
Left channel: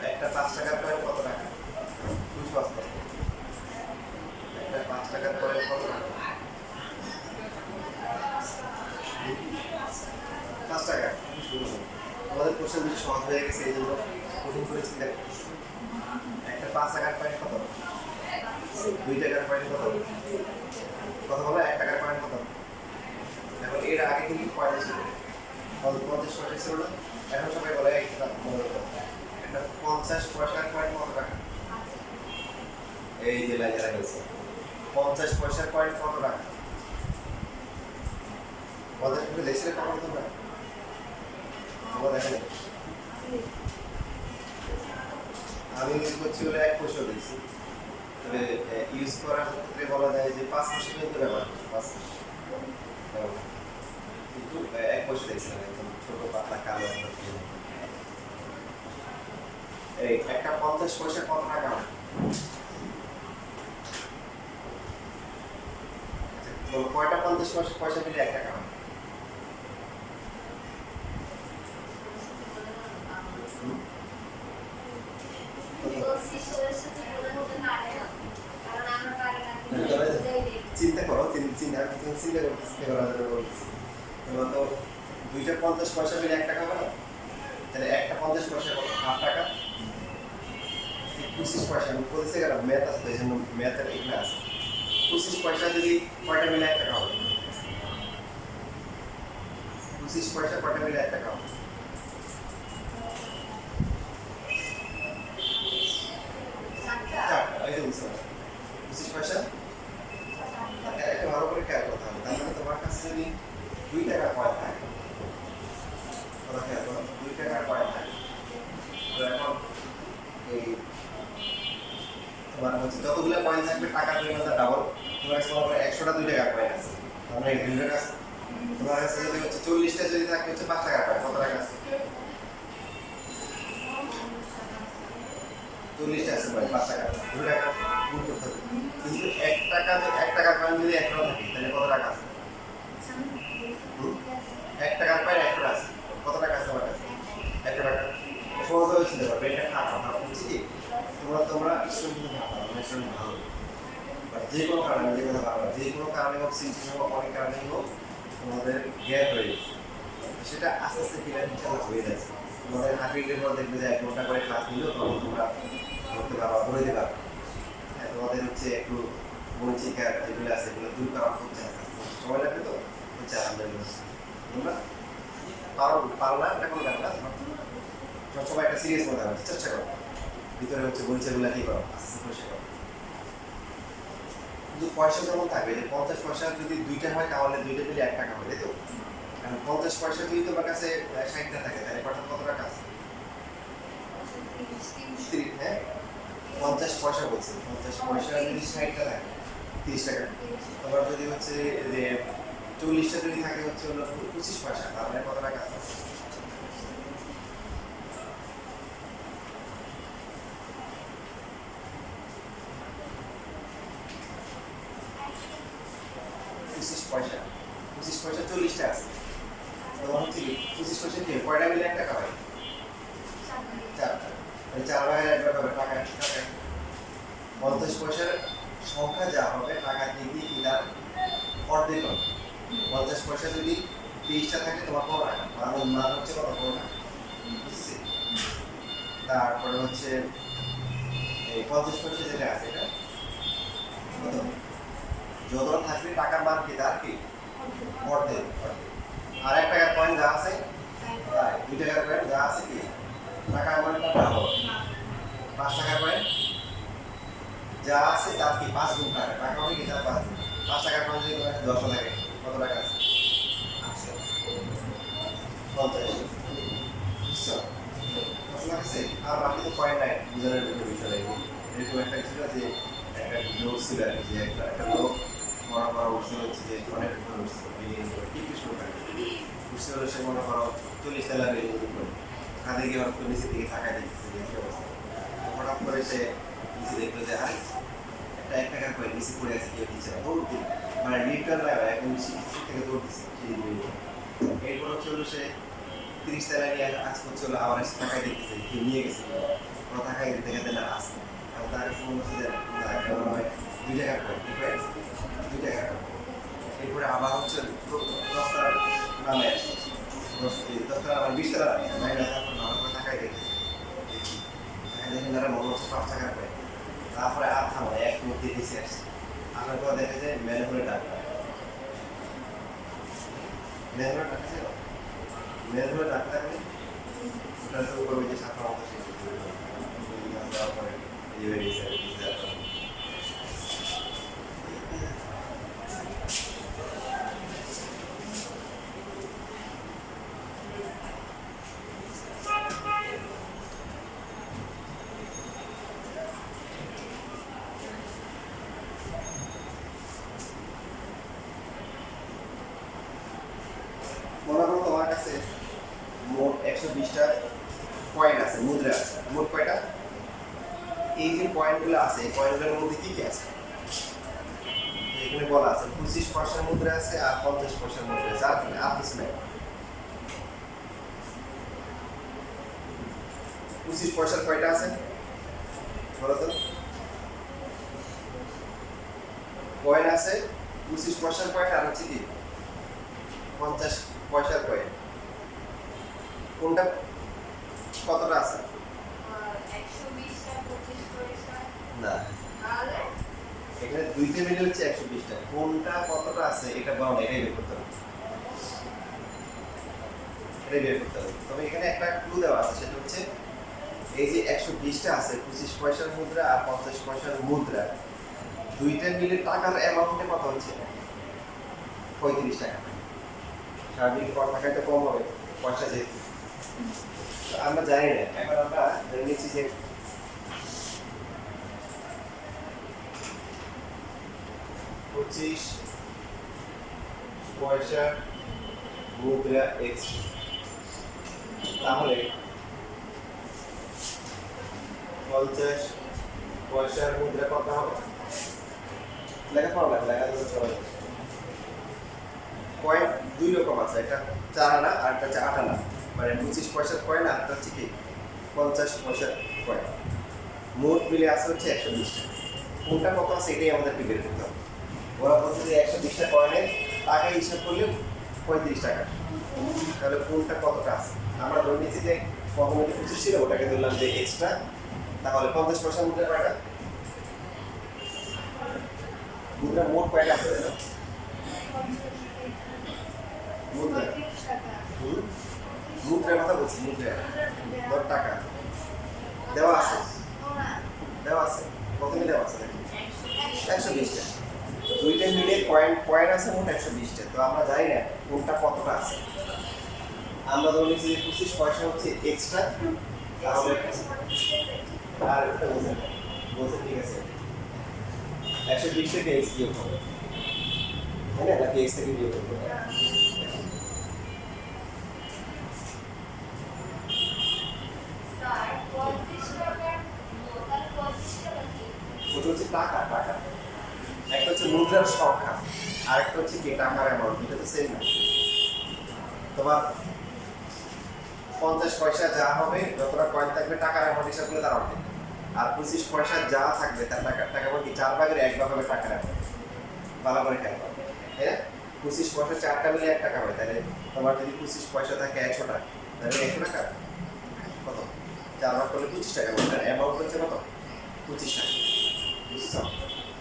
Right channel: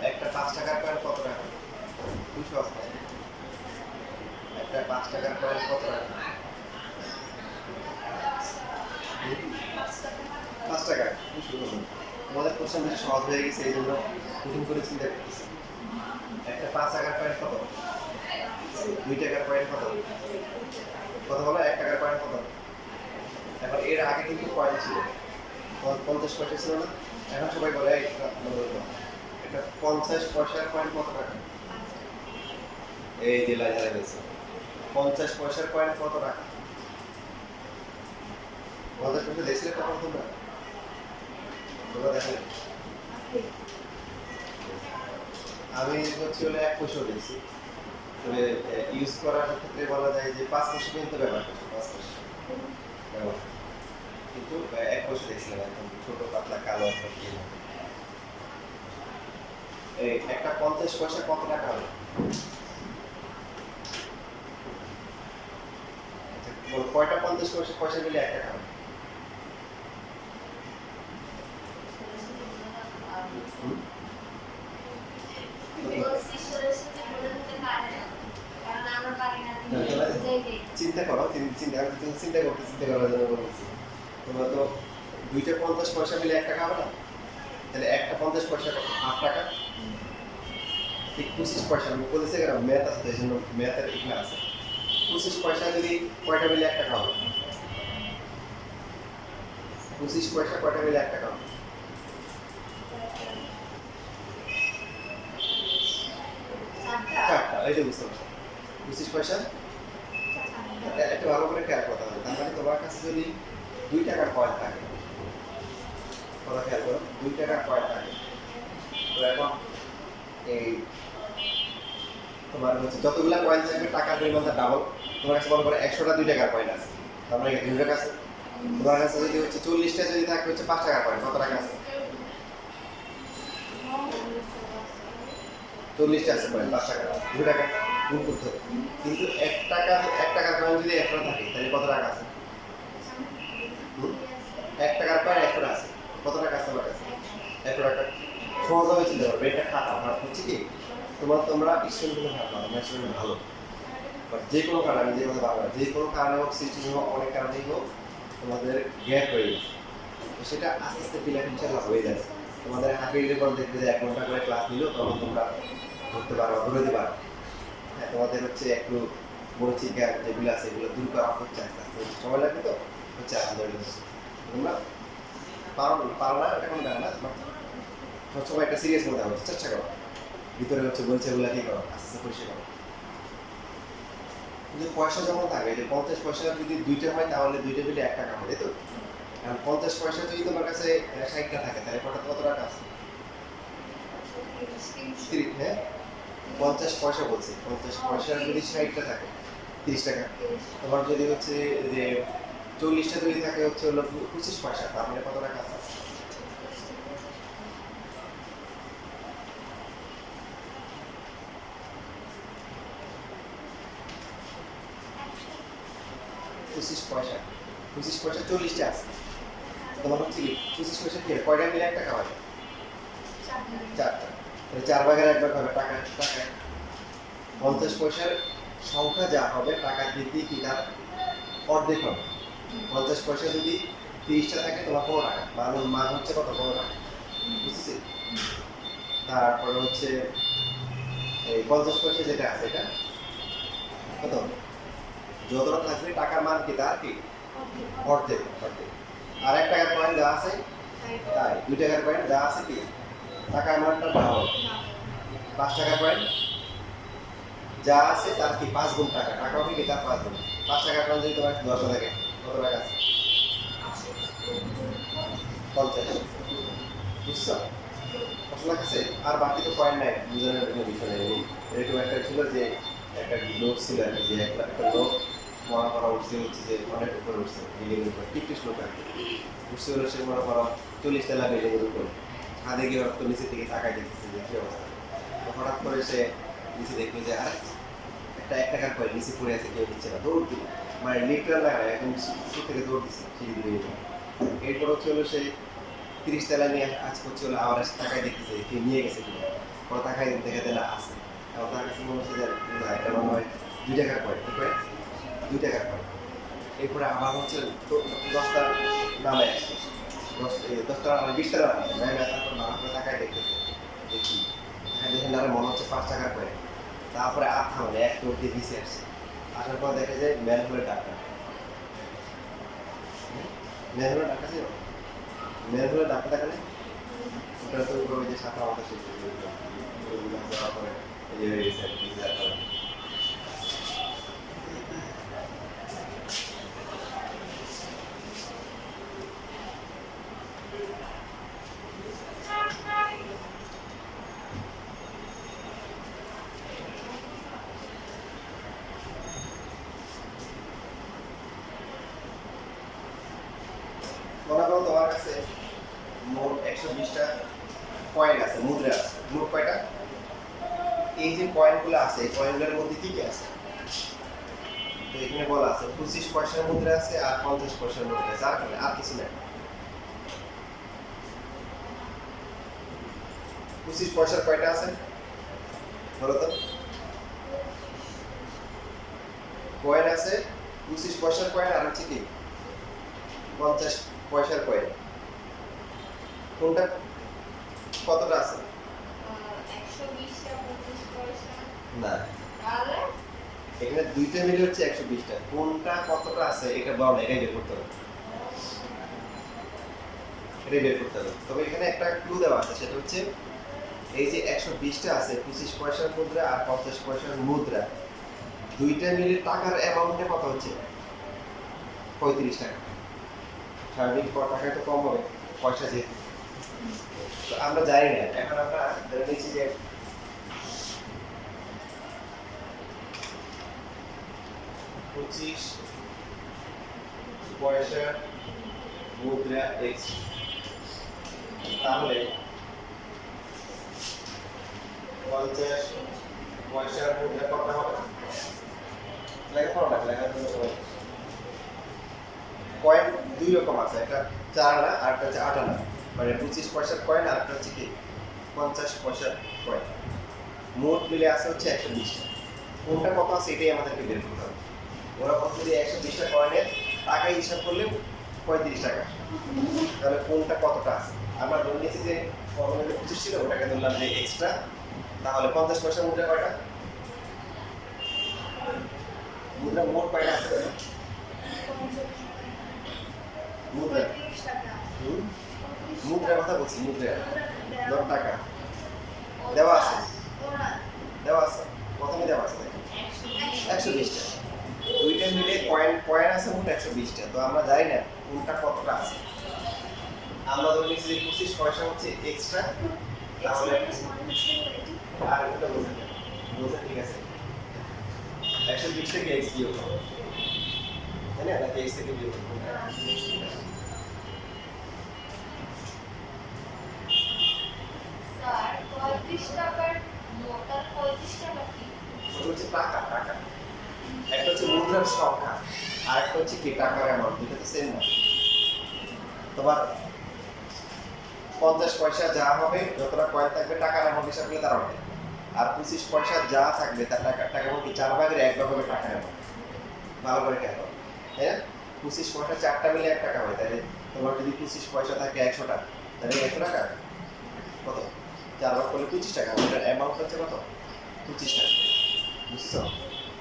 একটা 5 টাকার কয়েন কত টাকা খুব সহজ প্রশ্ন একটা 5 টাকার কয়েন কত টাকা 5 টাকা আমাদের কোশ্চেন বেশি সহজ হয়ে গেছে এই জন্য কঠিন করে চিন্তা করতেছি একটা 5 টাকার কয়েন কত 2 টাকার কয়েন কত কত বলো 1 টাকার কয়েন কত এখন এর আগে কিন্তু কয়েন ছিল 50 পয়সা ছিল না এখন সবাই বলে একটা 50 পয়সার কয়েন কত টাকা এই যে লাইনে গেছে 50 পয়সার কয়েন কত টাকা ওদের কিন্তু দেখছিলে কখন তোমরা দেখেন আমি হচ্ছে হলে 1 পয়সা দিয়েছি তবে ইউজ করার ক্ষেত্রে বলা যায় যে 5 পয়সা কিন্তু ব্যবহার করছি 5 পয়সা কিন্তু 1 পয়সা দিয়েছিলাম একদম ছোট পাতলা কালো একটা পেন এই একটা 50 পয়সা কত টাকা হবে কয়টা 50 পয়সা মিলে 1 টাকা হবে চিন্তা করো চিন্তা করার জন্য বলছি তোমরা তো দুইটা 50 পয়সা মিলে 1 টাকা হবে না তাহলে একটা 50 পয়সা কত 8 টাকা 25 পয়সা আমি বলছি কেন ম্যাথ আছে তো এই জন্য ম্যাথের এখানে আছে 25 পয়সা যদি কয়টা মিলে 1 টাকা হবে 25 পয়সা কয়টা মিলে 1 টাকা হবে চারটা এই যে বুঝতে পারছি 25 পয়সা একটু ভালো করে খেয়াল করতে হবে তার মানে তোমার কাছে যদি 2 টাকার কয়েন থাকে কথা খেয়াল করো 2 টাকার কয়েন থাকে তো এখন এই তোমার হচ্ছে যতগুলো কয়েন থাকবে টাকার পরিমাণটা ডাবল তোমার কাছে মনে করো 100টা 2 টাকার কয়েন আছে তার মানে 2 টাকা আছে তোমার কাছে যদি হচ্ছে 40টা যদি থাকে হচ্ছে 5 টাকার কয়েন কত টাকা আছে 40টা আছে কয়েন 5 টাকা 2 টাকা গুণ করতে হবে কিন্তু 1 টাকার কয়েন যদি 100 থাকে তাহলে কত টাকা আছে 1 টাকার কয়েন 100 টাকা আছে। কত টাকা আছে তোমার কাছে? 100 টাকা। সহজভাবে চিন্তা করবে, এটা খারাপ ভাব হচ্ছে কি তোমরা স্টুডেন্ট কিন্তু ভালো, আমার স্টুডেন্ট ভালো, বাট যে কোনো কারণে, যে কথা বারবার যে কোনো কারণে হোক, সিটিং হোক, অনেক কারণেই হোক, তোমাদের গ্যাপ হয়ে গেছে। তো সেটা আস্তে আস্তে ক্লিয়ার ইনশাল্লাহ হয়ে যাচ্ছে। তোমাদের হাফ ইয়ারের পর দেখবে যে 1 ঘন্টা করে ক্লাস নিল, তখন তোমরা ধরতে পারো, ধরতে পারো। হ্যাঁ, তোমাদের হচ্ছে একটু মরিচিকা যেগুলো আছে এগুলো দূর করা হচ্ছে আস্তে আস্তে, সময় লাগবে তো হচ্ছে আলহামদুলিল্লাহ। তোমরা পারো না এটা কোনো ব্যাপার না, সবসময় একটা সিরিয়াস মনে হবে, চেষ্টা করো ভিতরে হচ্ছে বলছে এগুলো কি করো, আস্তে আস্তে পরিষ্কার করো। কিন্তু পয়সা যেমন থাকে যে 50 পয়সা যদি 2টা হয় তাহলে 2টা মিলে 1 টাকা হবে, তাই তো? কারণ 50 পয়সা যদি তোমার কাছে 60টা থাকে তাহলে কত টাকা আছে? হ্যাঁ 50 পয়সা বলছি, 50 পয়সা যদি 60টা থাকে 30 টাকা। তোমার যদি হচ্ছে যে 40টা যদি থাকে হচ্ছে হলো 25 পয়সা, তার মানে কত টাকা আছে? পঁচিশ পয়সা 40টা আছে, তোমার হচ্ছে কি 25 পয়সা কি কয়টা মিলে 1 টাকা হয়? 4টা। তাহলে 4 ভাগের 1 ভাগ হবে টাকা। 50 পয়সার সংখ্যা যা হবে টাকা দিয়ে কি তার অর্ধেক হবে। 50 পয়সা যদি 30টা থাকে তোমার 15 টাকা, মান হচ্ছে কত? 15 টাকা, বুঝছি? তারপরে হচ্ছে এই 50 পয়সা যেটা আছে এটা কত? যতটা থাকবে টাকার মান কি তার কি অর্ধেক। আর 1 টাকার কয়েন যা আছে তাই, 2 টাকার কয়েন যা আছে কি টাকার মানটা বাড়াবো। 5 টাকার কয়েন যা আছে তার কি 5 গুণ টাকা, টাকা হবে কি তার 5 গুণ। 5 টাকার কয়েন যদি তোমার 10 থাকে কত টাকা আছে? 50, বুঝছো? 10 লাখ আছে। আর বাকি তো কয়েন নাই, বুঝানোর কোনো বিষয় নেই। এরকম একটা ছিল যে একটা লোক ছিল আর কি, যে একটা লোক মনে করা উঠছে হচ্ছে যে অনেক উপরে উঠছে, বিল্ডিং এর উপর, টিকিস লোক আর কি উঠছে হলো, সে মনে করো 40 তলা বিল্ডিং এর উপর, হাতে গিয়ে হঠাৎ করে নিচে দিকে তাকায় দেখতেছে যে কি অবস্থা। তো হঠাৎ করে সে নিচে দেখলো যে আরে একটা 1 টাকার কয়েন নিচে পড়ে আছে, কেউ দিচ্ছে না, দৌড় দিল, মানে লিটার না একদম নিচে থেকে দৌড় দিচ্ছে সিঁড়ি দিয়ে। এরপর হচ্ছে হলো সে 30 তলা নিয়ে কাজ করছে হলো, আবার এসে তাকায় দেখতেছে কেউ নিয়ে গেছে কিনা, কোনো তাকায় দেখে দেয় না আসে। এবং তার কাছে মনে হচ্ছে যে একটা মনে হয় 2 টাকার কয়েন, ঠিক আছে 2 টাকার কয়েন। এরপরে আবার হচ্ছে 10 তলার নামে আসে, 10 তলা 20 তলা নামে তারপর নামার পরে তাকায় দেখতেছে দেখি দেখেন না মনে হচ্ছে 5 টাকার কয়েন। তারপরে আর থামে এক মুখ দিয়ে নিচে আসছে, আসার পর দেখে যে ম্যানহোলের টাকা, ম্যানহোলের টাকা ছিল, ম্যানহোলের টাকা টাকা নেই, ওটা তো উপরে ওই যে শাখা মতো শিখতে দেওয়ার পরে এই যে হয়ে গেছে আর কি। মনে করো তোমার কাছে মোট 120টা কয়েন আছে, মুদ্রা আছে। মোট কয়টা? এই যে কয়েনগুলো আছে এই কয়েনগুলোর মধ্যে কি কি আছে? তো এখানে বলা আছে 25 পয়সার মুদ্রা আছে আর 50 পয়সার মুদ্রা আছে, আর কিছু নাই। 25 পয়সার কয়টা আছে বলো তো? কয়েন আছে 25 পয়সার কয়েন আর হচ্ছে কি 50 পয়সার কয়েন। কোনটা কতটা আছে? 120টা 25 পয়সা। না, তাহলে এখানে দুইটা মিলে হচ্ছে 120টা। কোনটা কতটা আছে এটা বলো না, এটাই বের করতে হবে, এটাই বের করতে হবে। তবে এখানে একটা ক্লু দেওয়া আছে, সেটা হচ্ছে এই যে 120টা আছে 25 পয়সার মুদ্রা আর 50 পয়সার মুদ্রা, দুইটা মিলে টাকার অ্যামাউন্টে কত হচ্ছে? 35 টাকা। স্বাভাবিক টাকায় তো কম হবে পয়সা যে, তো আমরা জানি না। এখন আমরা ধরে নিচ্ছি যে 25 পয়সা মুদ্রা x, তাহলে 50 পয়সার মুদ্রা কত হবে? লেখাপড়া লেখা কয়েন দুই রকম আছে, একটা 4 আনা আর একটা হচ্ছে 8 আনা, মানে 25 পয়সার কয়েন আর একটা হচ্ছে কি 50 পয়সার কয়েন। মোট মিলে আছে হচ্ছে 120টা। কোনটা কত আছে এটাই আমাদেরকে বের করতে হবে। ওরা বলছে যে 120টা কয়েনের টাকা হিসাব করলে 35 টাকা, তাহলে কোনটা কতটা আছে। আমরা ধরে নিয়েছি যে কখনো 25 ছিল, ওটাকে ধরলাম যে এক্সট্রা। তাহলে 50 পয়সা মুদ্রা কয়টা? মুদ্রা মোট কয়টা আছে দেখো? মুদ্রা, 35 টাকা। মুদ্রার কথা বলছি, মুদ্রা ধর টাকা দেওয়া আছে, দেওয়া আছে, প্রথমে দেওয়া আছে দেখো 120টা। দুইটা মিলে কয়েন আছে মোট 120টা। তো আমরা জানি না কোনটা কতটা আছে। আমরা ধরে নিচ্ছি যে 25 পয়সা হচ্ছে এক্সট্রা, তাহলে আর একটা বোঝেন ঠিক আছে, 120 থেকে এক্স বিয়োগ হবে, তাই না? নাকি এক্স থেকে বিয়োগ হবে? স্যার 35 টাকার মোটাল 35 টাকা কি? ওটা হচ্ছে টাকা, টাকা। একটা হচ্ছে মুদ্রার সংখ্যা আর একটা হচ্ছে কি টাকার অ্যামাউন্ট, এটা তো সেম না। তোমার 50 পয়সা যা হবে, যতটা কয়েন থাকবে টাকার অ্যামাউন্ট হিসাব করলে তার অর্ধেক। আর 25 পয়সা যা থাকবে তার টাকা বলতে 4 ভাগের 1 ভাগ হবে টাকার অ্যামাউন্ট। ভালো করে খেয়াল করো, তাই না? 25 পয়সা 4টা মিলে 1 টাকা হয়, তাহলে তোমার যদি 25 পয়সা থাকে 100 টাকা, তাহলে 100 টাকা কত? 4 ভাগ করলে 25 টাকা। ওটার অ্যামাউন্ট হচ্ছে কত? 25 টাকা। বুঝছো?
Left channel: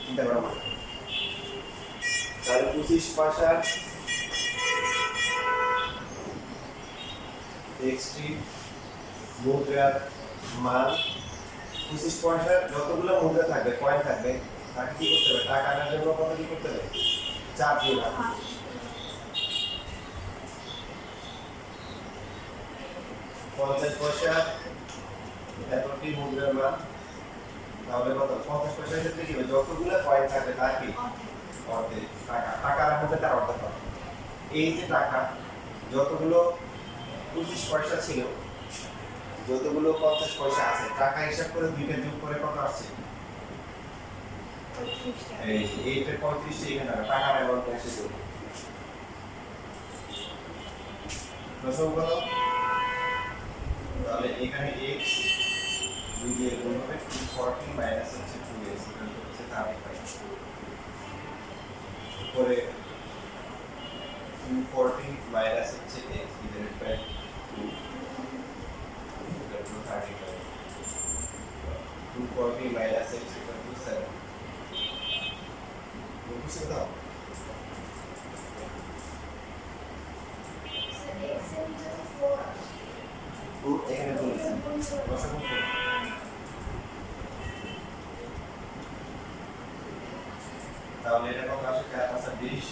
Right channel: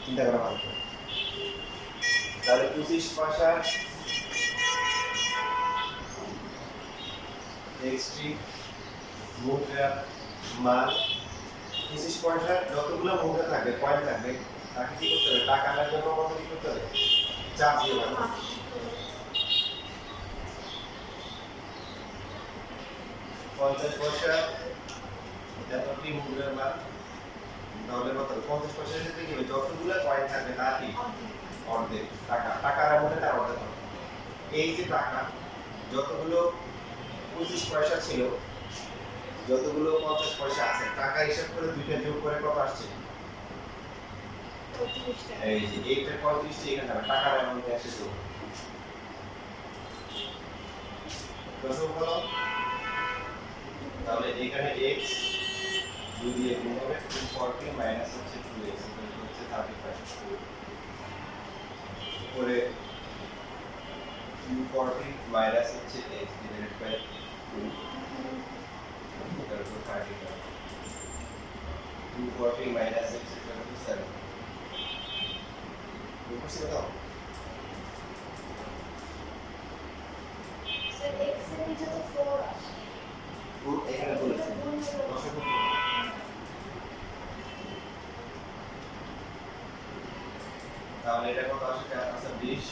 চিন্তা করা ভালো। তাহলে 25 পয়সা এক্সটি মুদ্রার মান, 25 পয়সা যতগুলো মুদ্রা থাকবে, কয়েন থাকবে, তাকে কি করতে হবে? টাকা আনার জন্য কত কি করতে হবে? 4 দিয়ে ভাগ করতে হবে। 50 পয়সা এতটি মুদ্রার মান, তাহলে কত? 50 পয়সার ক্ষেত্রে কি হবে? যতগুলো কয়েন থাকবে তার কি অর্ধেক টাকা, টাকার মধ্যে তার অর্ধেক হবে। এই যে টাকা যতগুলো 25 পয়সা ছিল, যতগুলো 50 পয়সা আছে, টাকা হিসাব করে দুইটা যোগ করে কত আসছে? 35 টাকা। এই যে এইটা 35 টা এখানে হবে, টাকার অ্যামাউন্ট আসছে যোগ। দশম কত? তাহলে এখানে x 2 দিয়ে গুণ হবে, 240 মাইনাস হচ্ছে 2x, এটা হচ্ছে 35। উপরে 240 মাইনাস হচ্ছে x ডিভাইডেড বাই 2, এটা হলো 35। 240 মাইনাস x ইকুয়াল টু 7। বুঝছি কথা? স্যার x এর নিচে তো 4 আছে। এখানে বলেছি দশম কত? তাহলে এটা কত আসে? 4 পাঁচা 20,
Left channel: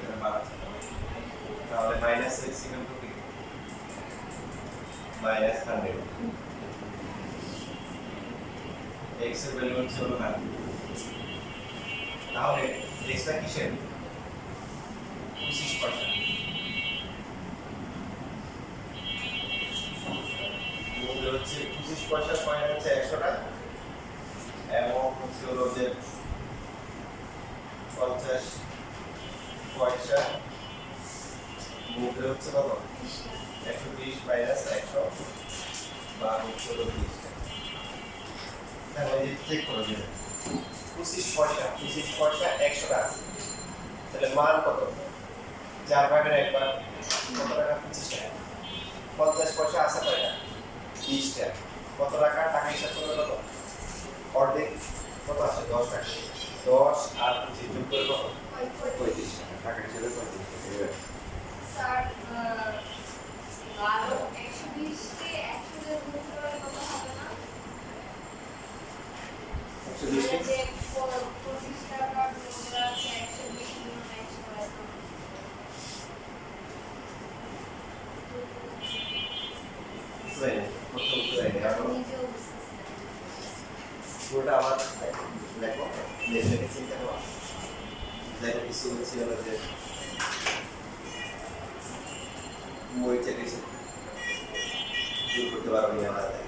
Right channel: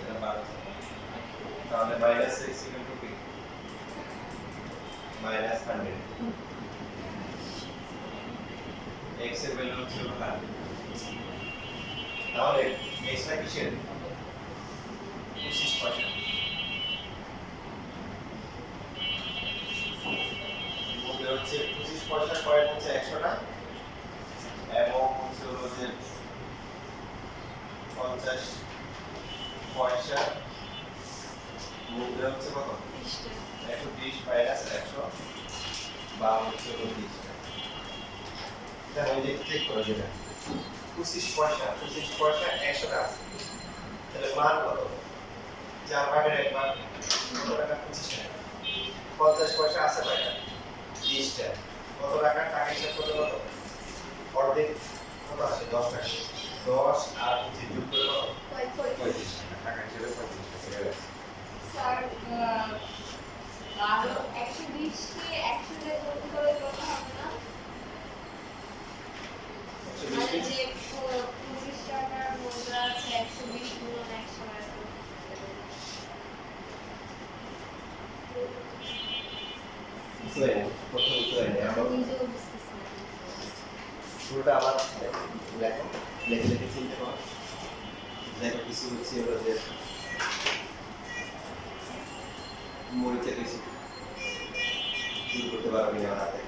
এটা 12। তাহলে মাইনাস x ইকুয়াল টু কি? মাইনাস 100। x এর ভ্যালু হচ্ছে হলো 100। তাহলে x টা কিসের? 25 পয়সা। মূল্য হচ্ছে 25 পয়সা, কয়েন হচ্ছে 100 টা, এবং হচ্ছে হলো যে 50 পয়সা মুদ্রা হচ্ছে কত? 120 মাইনাস 100 বা হচ্ছে হলো 30 টাকা। তাহলে এই যে চেক করে যেটা 25 পয়সা 100 টাকা আছে, তাহলে মান কত? 4 ভাগের 1 ভাগ কত টাকা? 25 টাকা। 50 পয়সা আছে কয়টা? 30 টাকা। কত টাকা? টাকা হিসাব করলে কত? অর্ধেক কত আছে? 10 টাকা। 10 আর 25 যোগ করে কত? 35 টাকা। টাকা হিসেবে 35 টাকা। স্যার 120 কে 100 দিয়ে গুণ করে কত হবে না? 120 মানে যে 25 টাকার মুদ্রা আছে 120 গুণন 100 এত। বুঝতে পারিনি, প্রথম বুঝতে পারিনি। আরো নিজেও বুঝতেছি না। পুরোটা আবার দেখো, লেখে চিন্তা করো। দেখো কিছু হচ্ছে হলো যে মরিচের কিছু দূর করতে পারো কিনা আমার হাতে।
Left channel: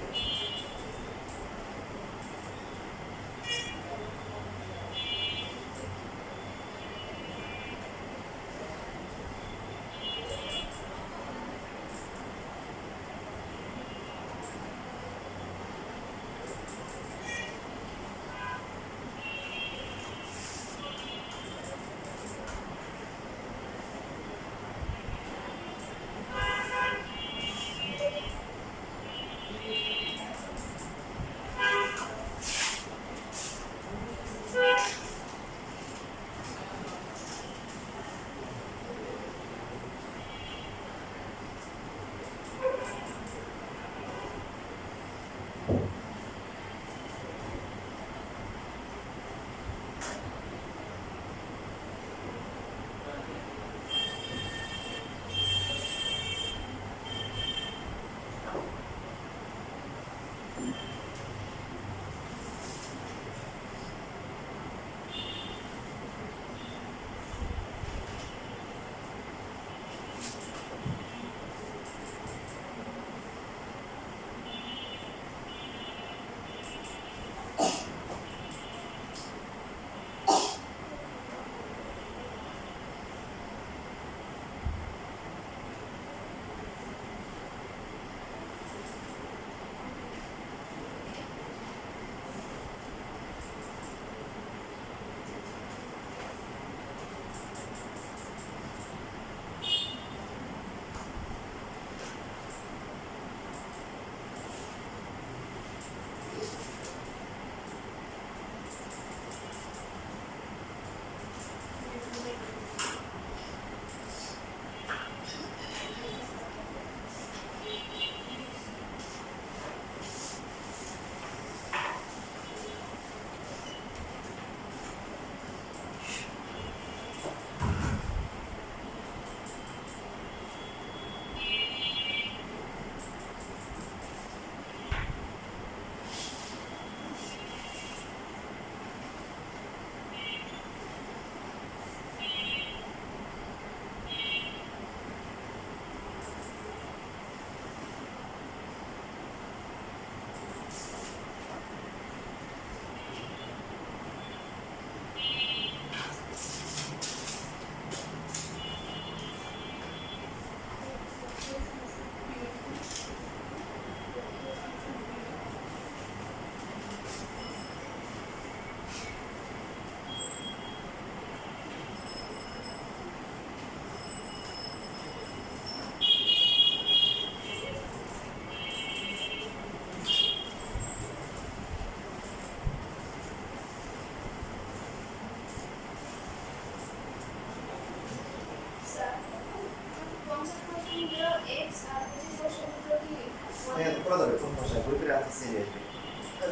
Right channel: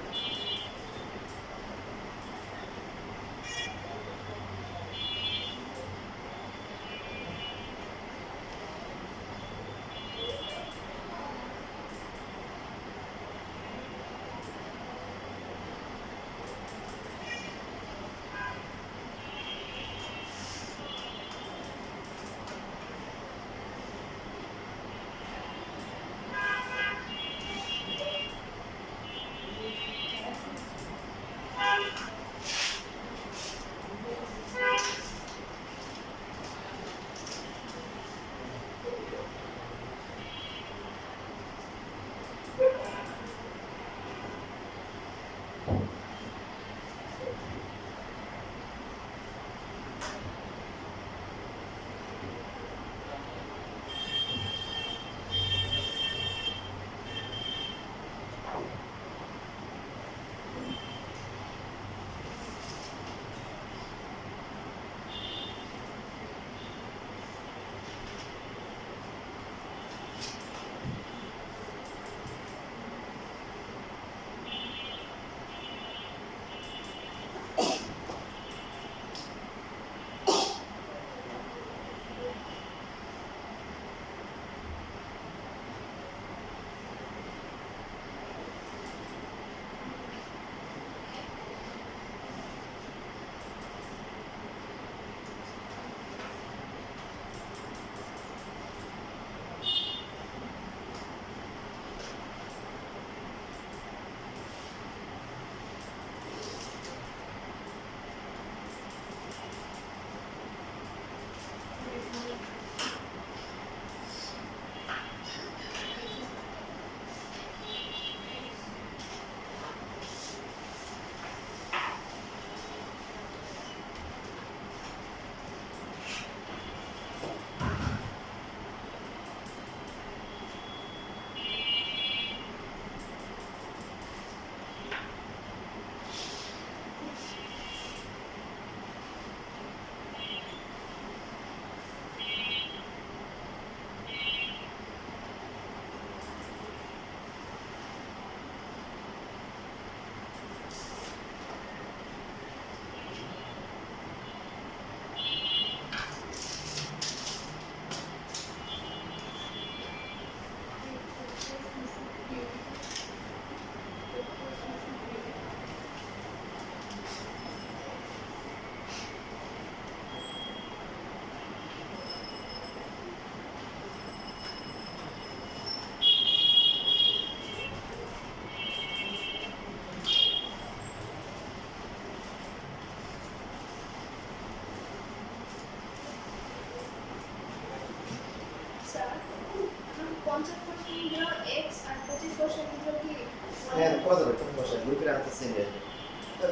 সেম আসবে।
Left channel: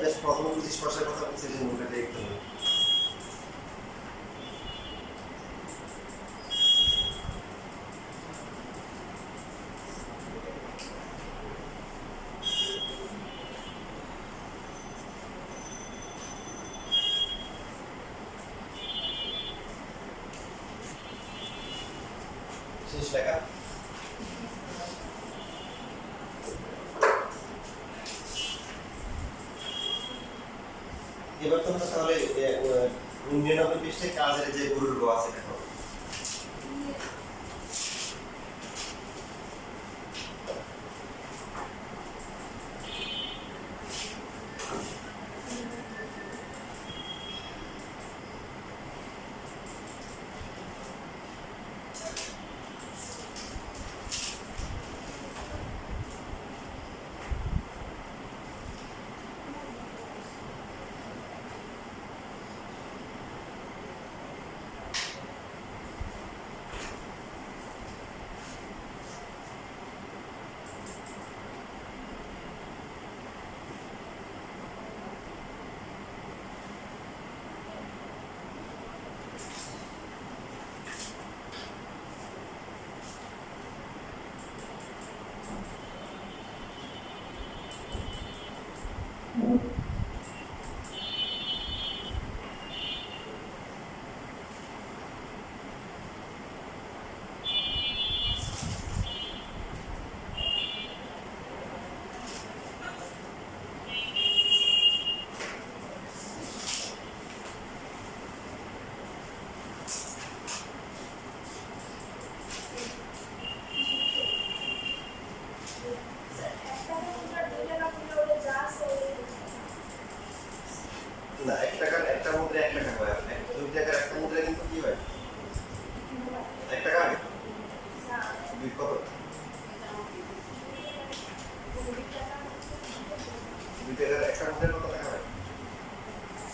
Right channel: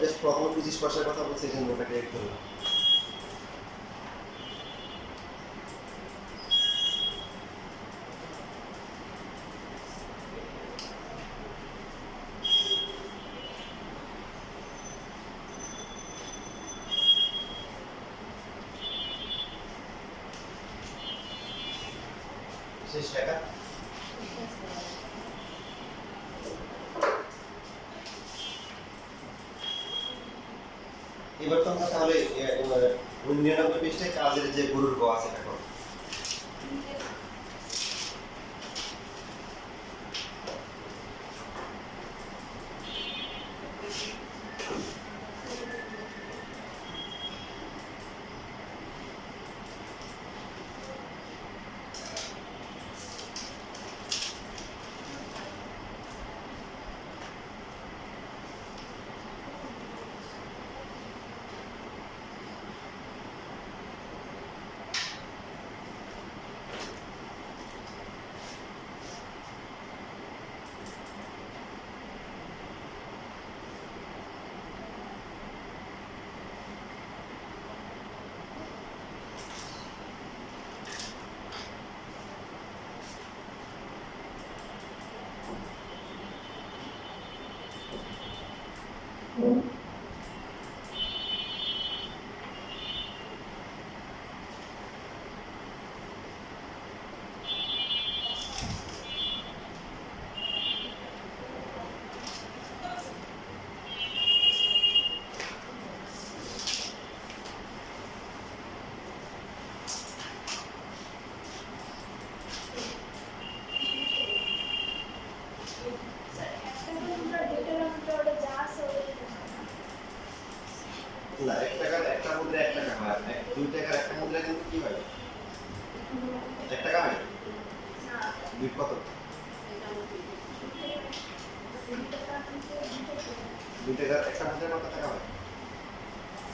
জাস্ট প্রথমে 25 পয়সার কথা বলছে যে ওটাকে একটু শেষ টাকা। এবার তোমরা তাহলে 99 পৃষ্ঠায় কাজের যে গরুর গ আছে এখন না 1 টাকার একটা মুদ্রা 1 টাকা হয়। আপনি 2 টাকার একটা মুদ্রা কিন্তু কি হয়? 1 টাকা হয়? দুই কত? 2 টাকার একটা মুদ্রা কত টাকা হয়?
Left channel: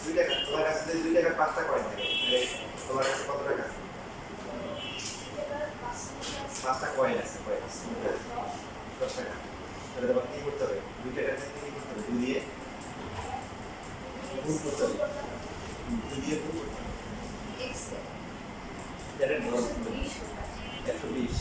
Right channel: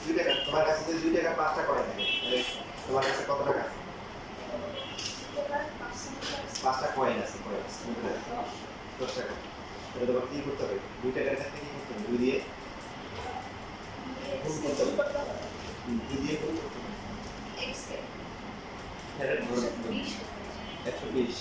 2 টাকা। তোমার কাছে যদি 2 টাকার 5টা কয়েন থাকে তাহলে তোমার কাছে কত টাকা আছে? 5টা কয়েন আছে, কয়েন মুদ্রা 10 টাকা। তাহলে তোমার কি করতে হবে? 2 টাকার ক্ষেত্রে কি করতে হবে? 2 দিয়ে গুণ করতে হবে। 2 দিয়ে গুণ করতে হবে। এটা 120।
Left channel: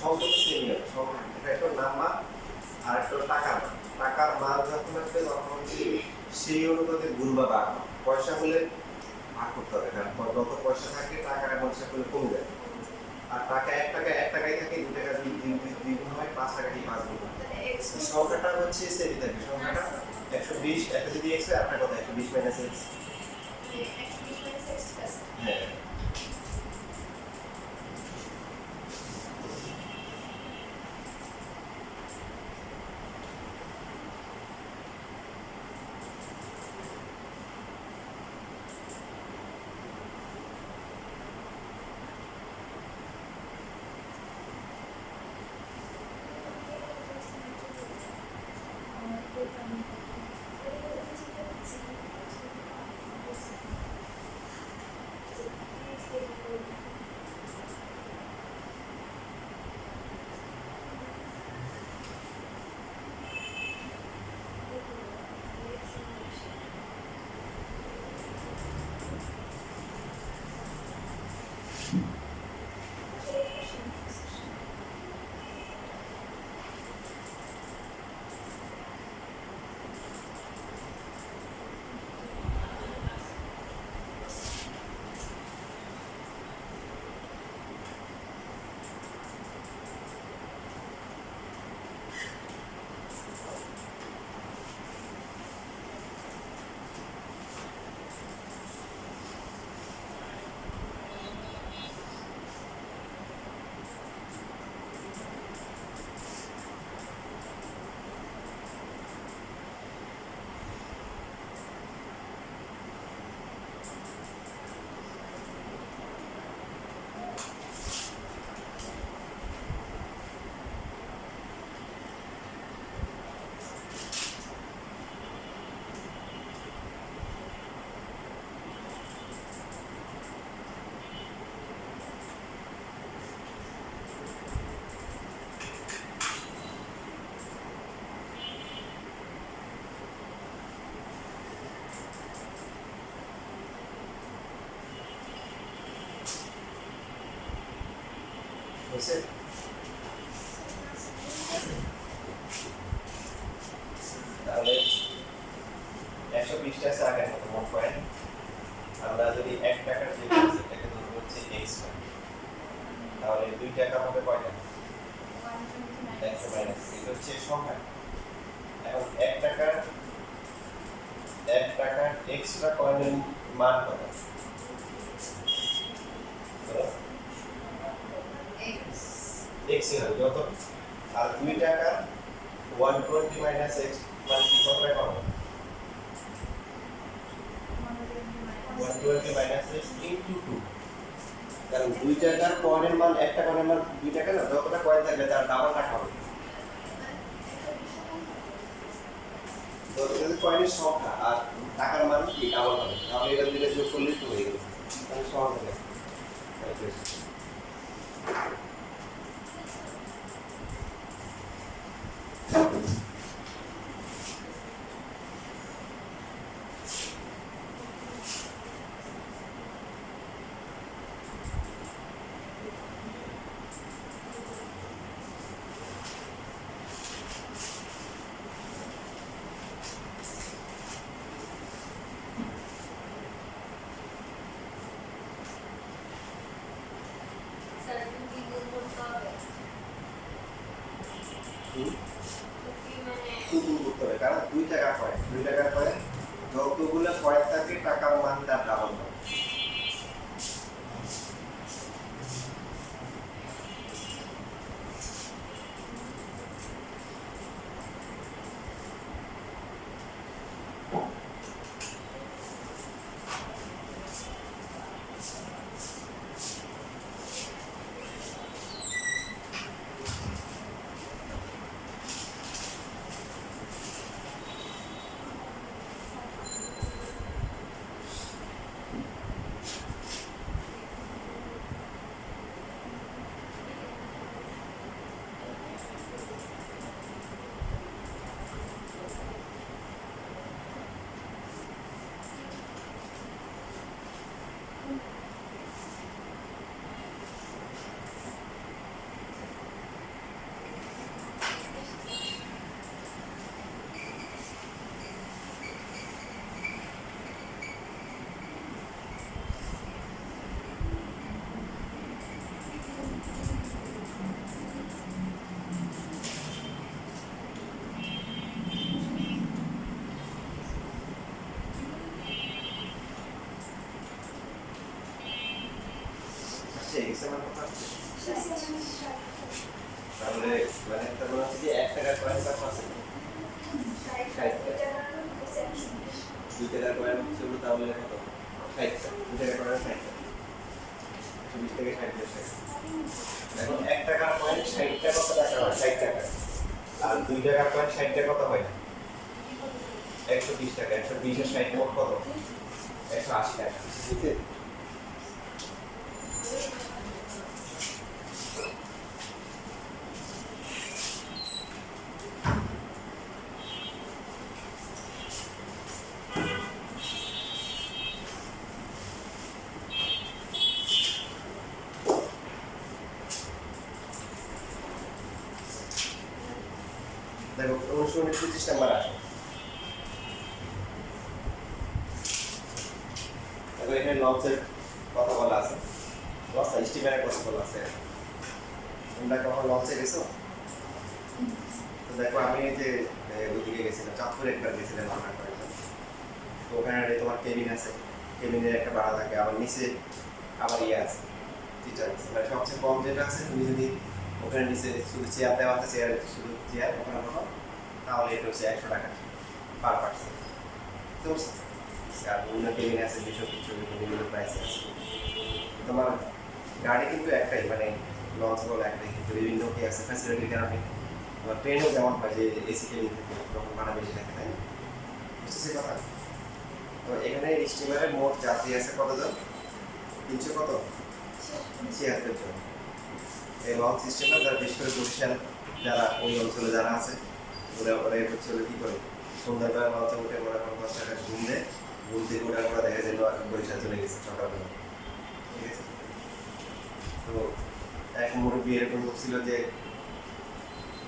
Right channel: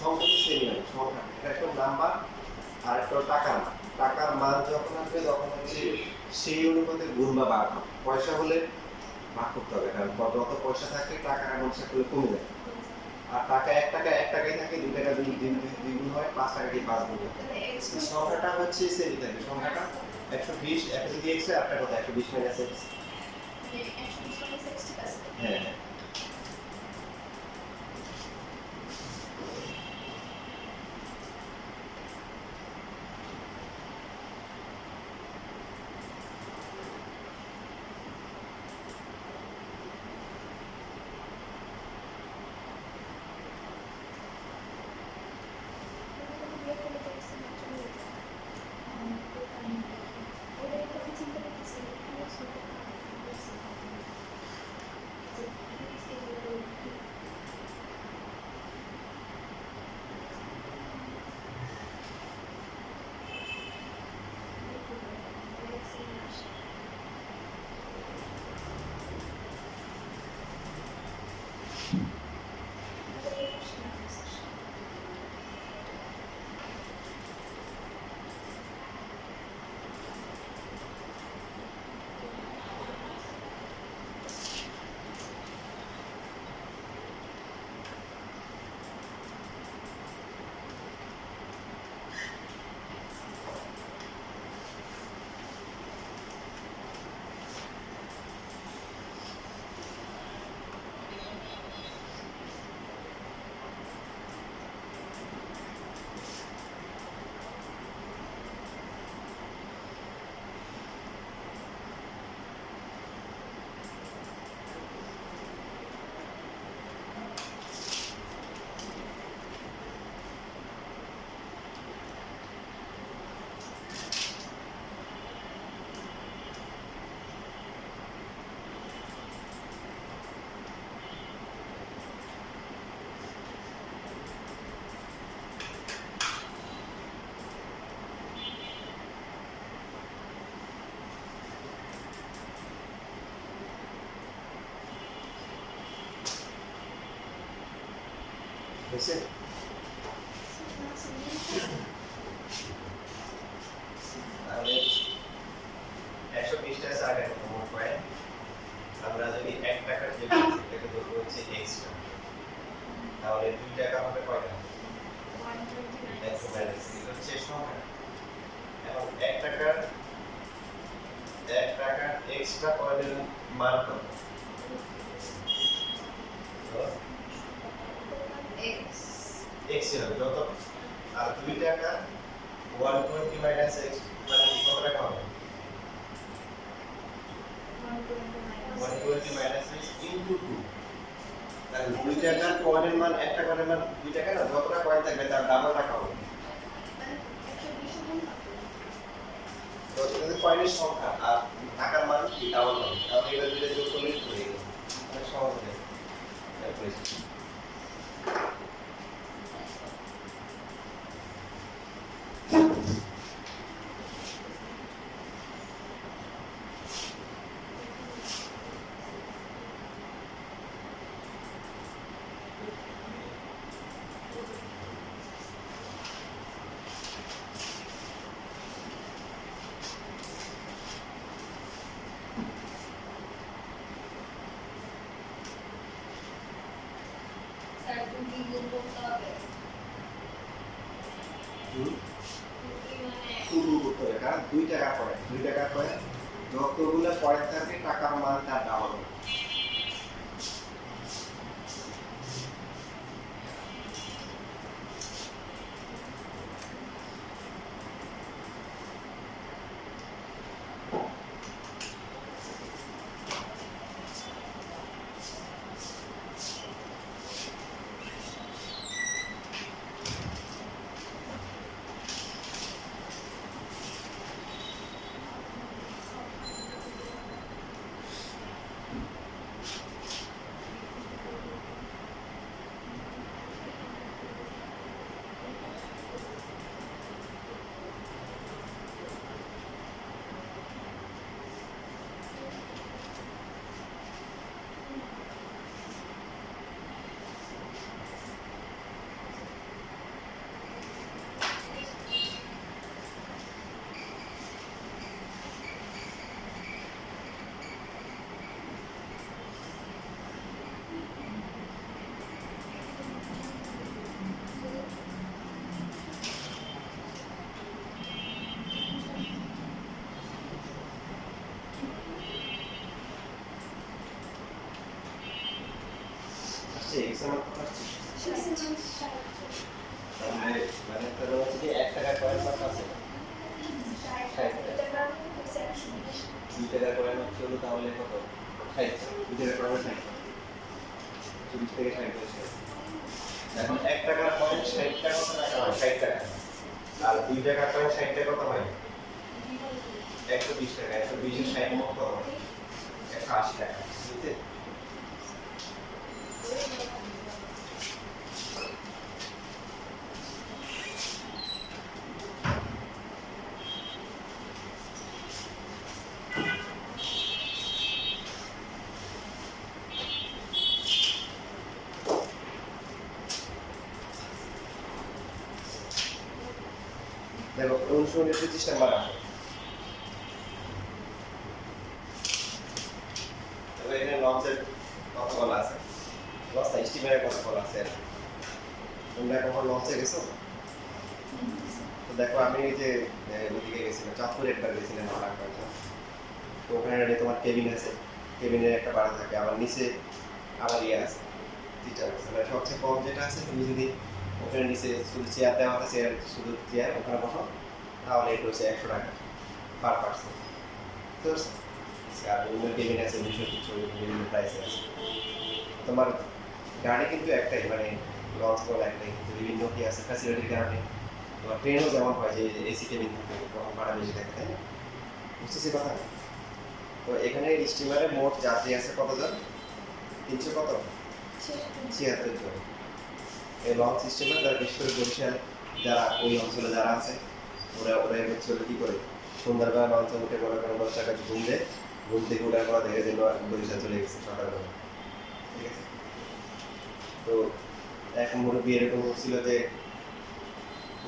সম্পূর্ণ সেমই হবে, সংখ্যা। এটা একটা নাম্বার আর একটা টাকার মান। টাকার মান যখন আসবে তখন হচ্ছে সেই অনুপাতে গুণ বা ভাগ হবে। পয়সা হলে ভাগ করতে হবে, কারণ যত পয়সা থাকে টাকার অ্যামাউন্ট করলে কমে যায়। আর টাকা 1 টাকা 1 টাকাই থাকে, 2 টাকা 2 গুণ হয়, 5 টাকা কি 5 গুণ হয়। সংখ্যাটা হচ্ছে সেমই থাকে, সংখ্যাটা 120। একটা যদি x হয় আপনার কথা 120 মাইনাস x। হ্যাঁ হয়েছে? তাহলে 120 টাকা আগে কত মোট পয়েন্ট? আমরা যদি 1 টাকার যে সেটাকে ধরবো হচ্ছে x টাকা, তাহলে 2 টাকা হবে কয়টা? 1 মাইনাস এটা হচ্ছে সংখ্যা। এখন 1 টাকার এক্সট্রা কয়েনের মান কত? x এর যত, আর 2 টাকা 120 মাইনাস x মানে কি কত টাকা হবে? 120 মাইনাস x ইনটু 2। কারণ 2 টাকার কয়েনের মান, একটা কয়েনের মান 2 টাকা না, যতটা কয়েন থাকবে তার ডাবল টাকা হবে। তো এটা কয়েনের সংখ্যা আর টাকার মান কি ডাবল হবে, তাহলে এটা দুইটা যোগ করলেই হয়ে গেল। তাহলে সহজ হবে ক্যালকুলেশন। স্যার কি গুণ করতে হবে? কি মানে খুব করতে হবে, কারণ 2 টাকা কয়েন, 2 টাকার কয়েন যতগুলো কয়েন থাকে টাকার মান তার ডাবল হবে। আসছে এক্স এর মান কত আসছে? তাহলে মানে তার মানে হচ্ছে যে 1 টাকার কয়েন কত আছে? 2 টাকার কয়েন হচ্ছে হলো তাহলে কত? 60। 2 টাকার কয়েন 60। 20 থেকে 60 আসে। এখন 1 টাকার কয়েন 60 টা কত টাকা হয়? 60 টাকা। আর 2 টাকার কয়েন 60 টা কত হয়? 120 টাকা। 120 এর 60 মোট কত? 180 টাকা। বুঝতে? দেখো 1929 নাম্বার আসে। দেখো এখানে লঞ্চের কথা বলা আছে, লঞ্চ স্টিমারের কথা বলা আছে। তোমরা কখন লঞ্চে গেছো? তো দেখো আমি এই যে ওইদিকে গেছিলাম, চাঁদপুরে একবার গেছিলাম আমার কয়েকজন। তো ওখানে তোমার কেবিন আছে, কেবিনের একটা ভাড়া থাকে, আবার নিচে আবার ইয়ে আছে, টিচার আছে। মানে সবচেয়ে কম যেটা আছে, তুমি যদি ওখানে নিচে শুধু চেয়ার দেওয়া আছে, চেয়ার শুধু চেয়ার ওখানে বসো, তাহলে এটা হচ্ছে 100 টাকা পার পার্সন। তো আর বিভিন্ন কেবিন আছে 200 কিছু বিভিন্ন প্রাইসে আছে। তোমার গাড়ি কিন্তু একটাই, মানে লঞ্চ বলে একটাই, কিন্তু বিভিন্ন কি আছে ফ্যাসিলিটির কারণে। তোমার ট্রেনও যেমন হয় যে এসি কেবিন থাকে, তখন ভাড়া বেশি থাকে, তাই না? বুঝতেছি কথা? তো এখানে স্টিমারে মোট যাত্রী আছে কতজন? 300 কত? 76 জন। এই লঞ্চ স্টিমার যারা বিশেষ করে বরিশাল যারা ওই অঞ্চলে যারা আছে, ওরা হচ্ছে কি করে সন্ধ্যাবেলা লঞ্চে উঠে মনে করেন 10 টাকা ঘুম দেয়, ঘুম থেকে ওরা ওরা দেখে যে বরিশাল চলে গেছে সকালবেলা, ঠিক আছে? তো এক মুরব্বী এরকম বলছিল যে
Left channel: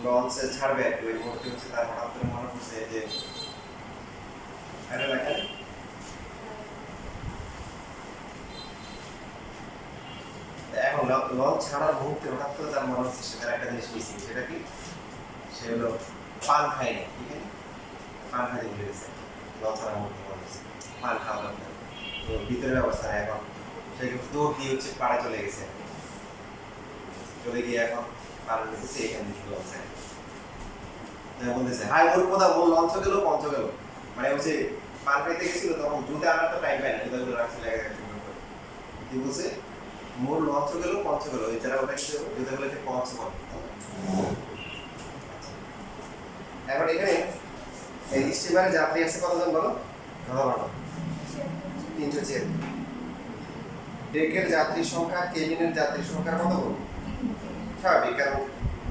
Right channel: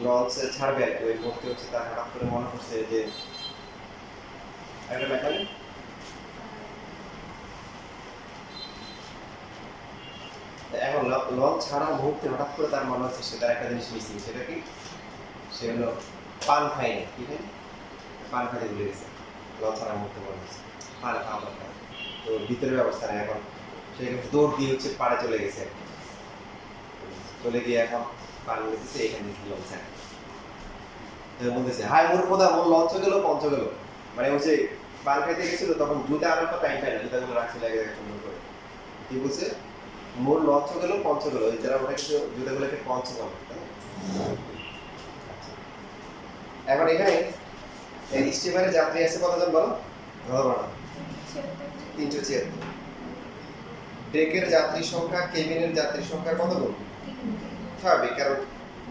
লঞ্চে ছাড়বে আর কি, ওই মুহূর্তে হচ্ছে তার হঠাৎ করে মনে পড়ছে যে এটা লেখেন এখন লঞ্চ ছাড়ার মুহূর্তে হঠাৎ করে তার মনে হচ্ছে সে তার একটা জিনিস মিসিং, সেটা কি? সে হলো পান খায়নি, ঠিক আছে? পান খাইতে ভুলে গেছে লঞ্চ ছাড়ার মুহূর্তে মনে হচ্ছে পান খাওয়া না খায়। তো ভিতরের অবস্থা নেই এখন, সে কিন্তু দৌড় দিয়ে হচ্ছে পাড়ে চলে গেছে আর কি। চলে গিয়ে এখন পান নিতেছে, এখানে লঞ্চ ছাড়ে বলতেছে হাই মোর কোথা মোর লঞ্চ গেল পঞ্চ গেল, মানে হচ্ছে পান খাইতে গেছিল তখন জুতা আনার তো টাইম পায় না, জুতাগুলো রাখছে লেগে গেছে সুন্দর করে। কি বলছে? মোর লঞ্চ গেল পঞ্চ গেল, এই যারা ওটা কিন্তু জুতাগুলোকে পঞ্চ বলে। এখন এখানে এই স্টিমারে যাত্রী আছে কতজন বলো? ধরো 376। ডেকের যাত্রী সংখ্যা কেবিনের যাত্রী সংখ্যার কত গুণ? স্বাভাবিক, কারণ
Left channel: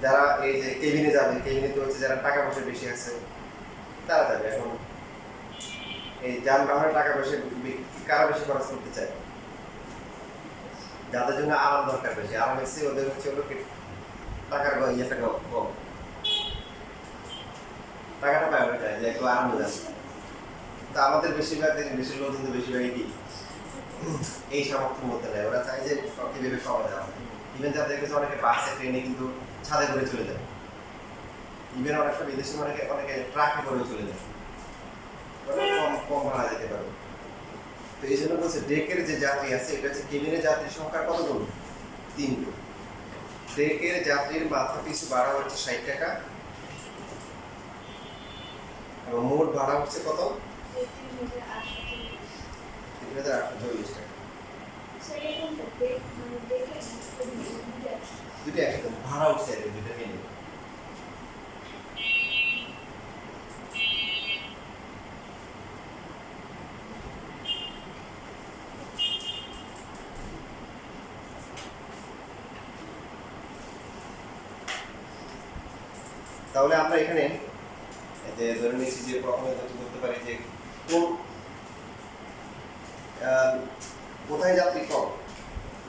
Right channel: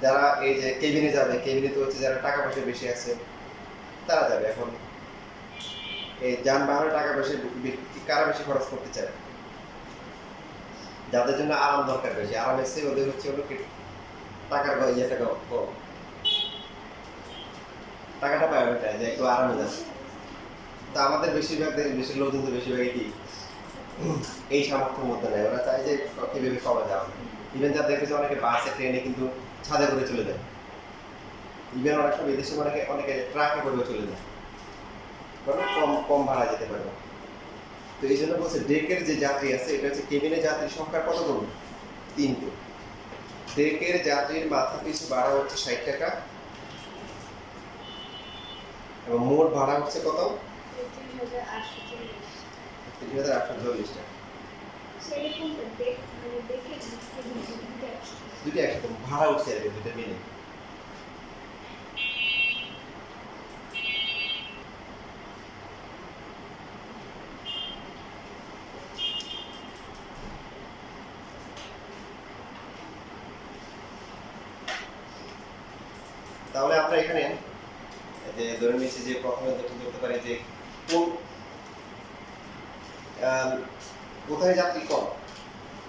যারা এই যে কেবিনে যাবে, কেবিনে তো হচ্ছে যারা টাকা পয়সা বেশি আছে তারা যাবে। এখন এই যানবাহনের টাকা পয়সা কারা বেশি খরচ করতে চায়? যাদের জন্য আরাম দরকার বেশি, আরাম এসে ওদের হচ্ছে হলো টাকার ইয়েটা কম, টাকাটা পায় ওইটা যে একটু আরামে যাচ্ছে। তো আমাদের বেশিরভাগ দেশের লোক কিন্তু বেশিরভাগই কি এই সামর্থ্যের মধ্যে নেয়, ওরা চায় যে কিভাবে সবাই যাবে। ইভেন যারা দেখেছে অনেকে বাসে ট্রেনে কিন্তু ছাদে করে চলে যায়, ইভেন অনেক সময় বিদেশে অনেকে ট্রাকে করে চলে যায়, তবে কম কম ভাড়া যেতে পারবে। তো এই জন্য বলছে ডেকের যে যাত্রী আছে এটা হচ্ছে কেবিনের যাত্রীর সংখ্যার কত গুণ? 3 গুণ। ডেকের যাত্রীর মাথা পিছু ভাড়া হচ্ছে 60 টাকা এবং মোট ভাড়া হচ্ছে কত? ৩৩,৮৪০ টাকা। দুটো একসাথে ভাড়া উঠছে আর কি, দুটো মিলে। তাহলে আমরা এখানে যে ধরে নিচ্ছি যে প্রথমে যেটা করতে পারি যে কোন কোথায় যাত্রী কম,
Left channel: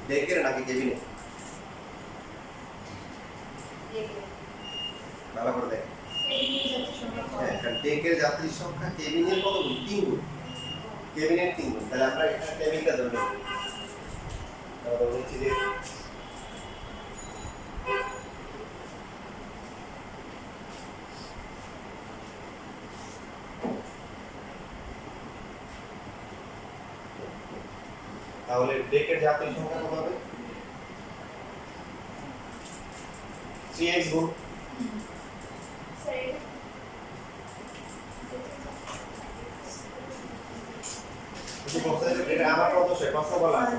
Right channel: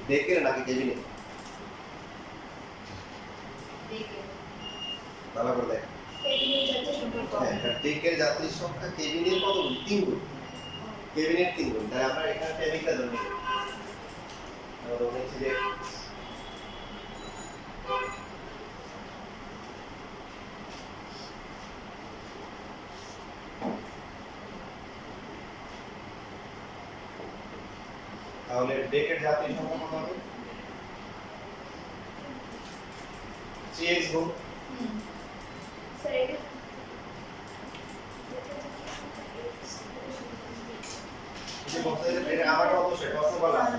ডেকের নাকি কেবিনে? ভালো করে দেখ। হ্যাঁ, কারণ ডেকের যাত্রীর সংখ্যা কেবিনের কত গুণ? 3 গুণ। কেবিনের 3 গুণ। তাহলে আমরা এখানে কেবিনটা ধরে নিই। আমরা ধরে নিচ্ছি যে তাহলে ডেকের যাত্রীর সংখ্যা কত হবে? 3x গুণ এটা আমার কত সে প্রশ্ন বলা আছে।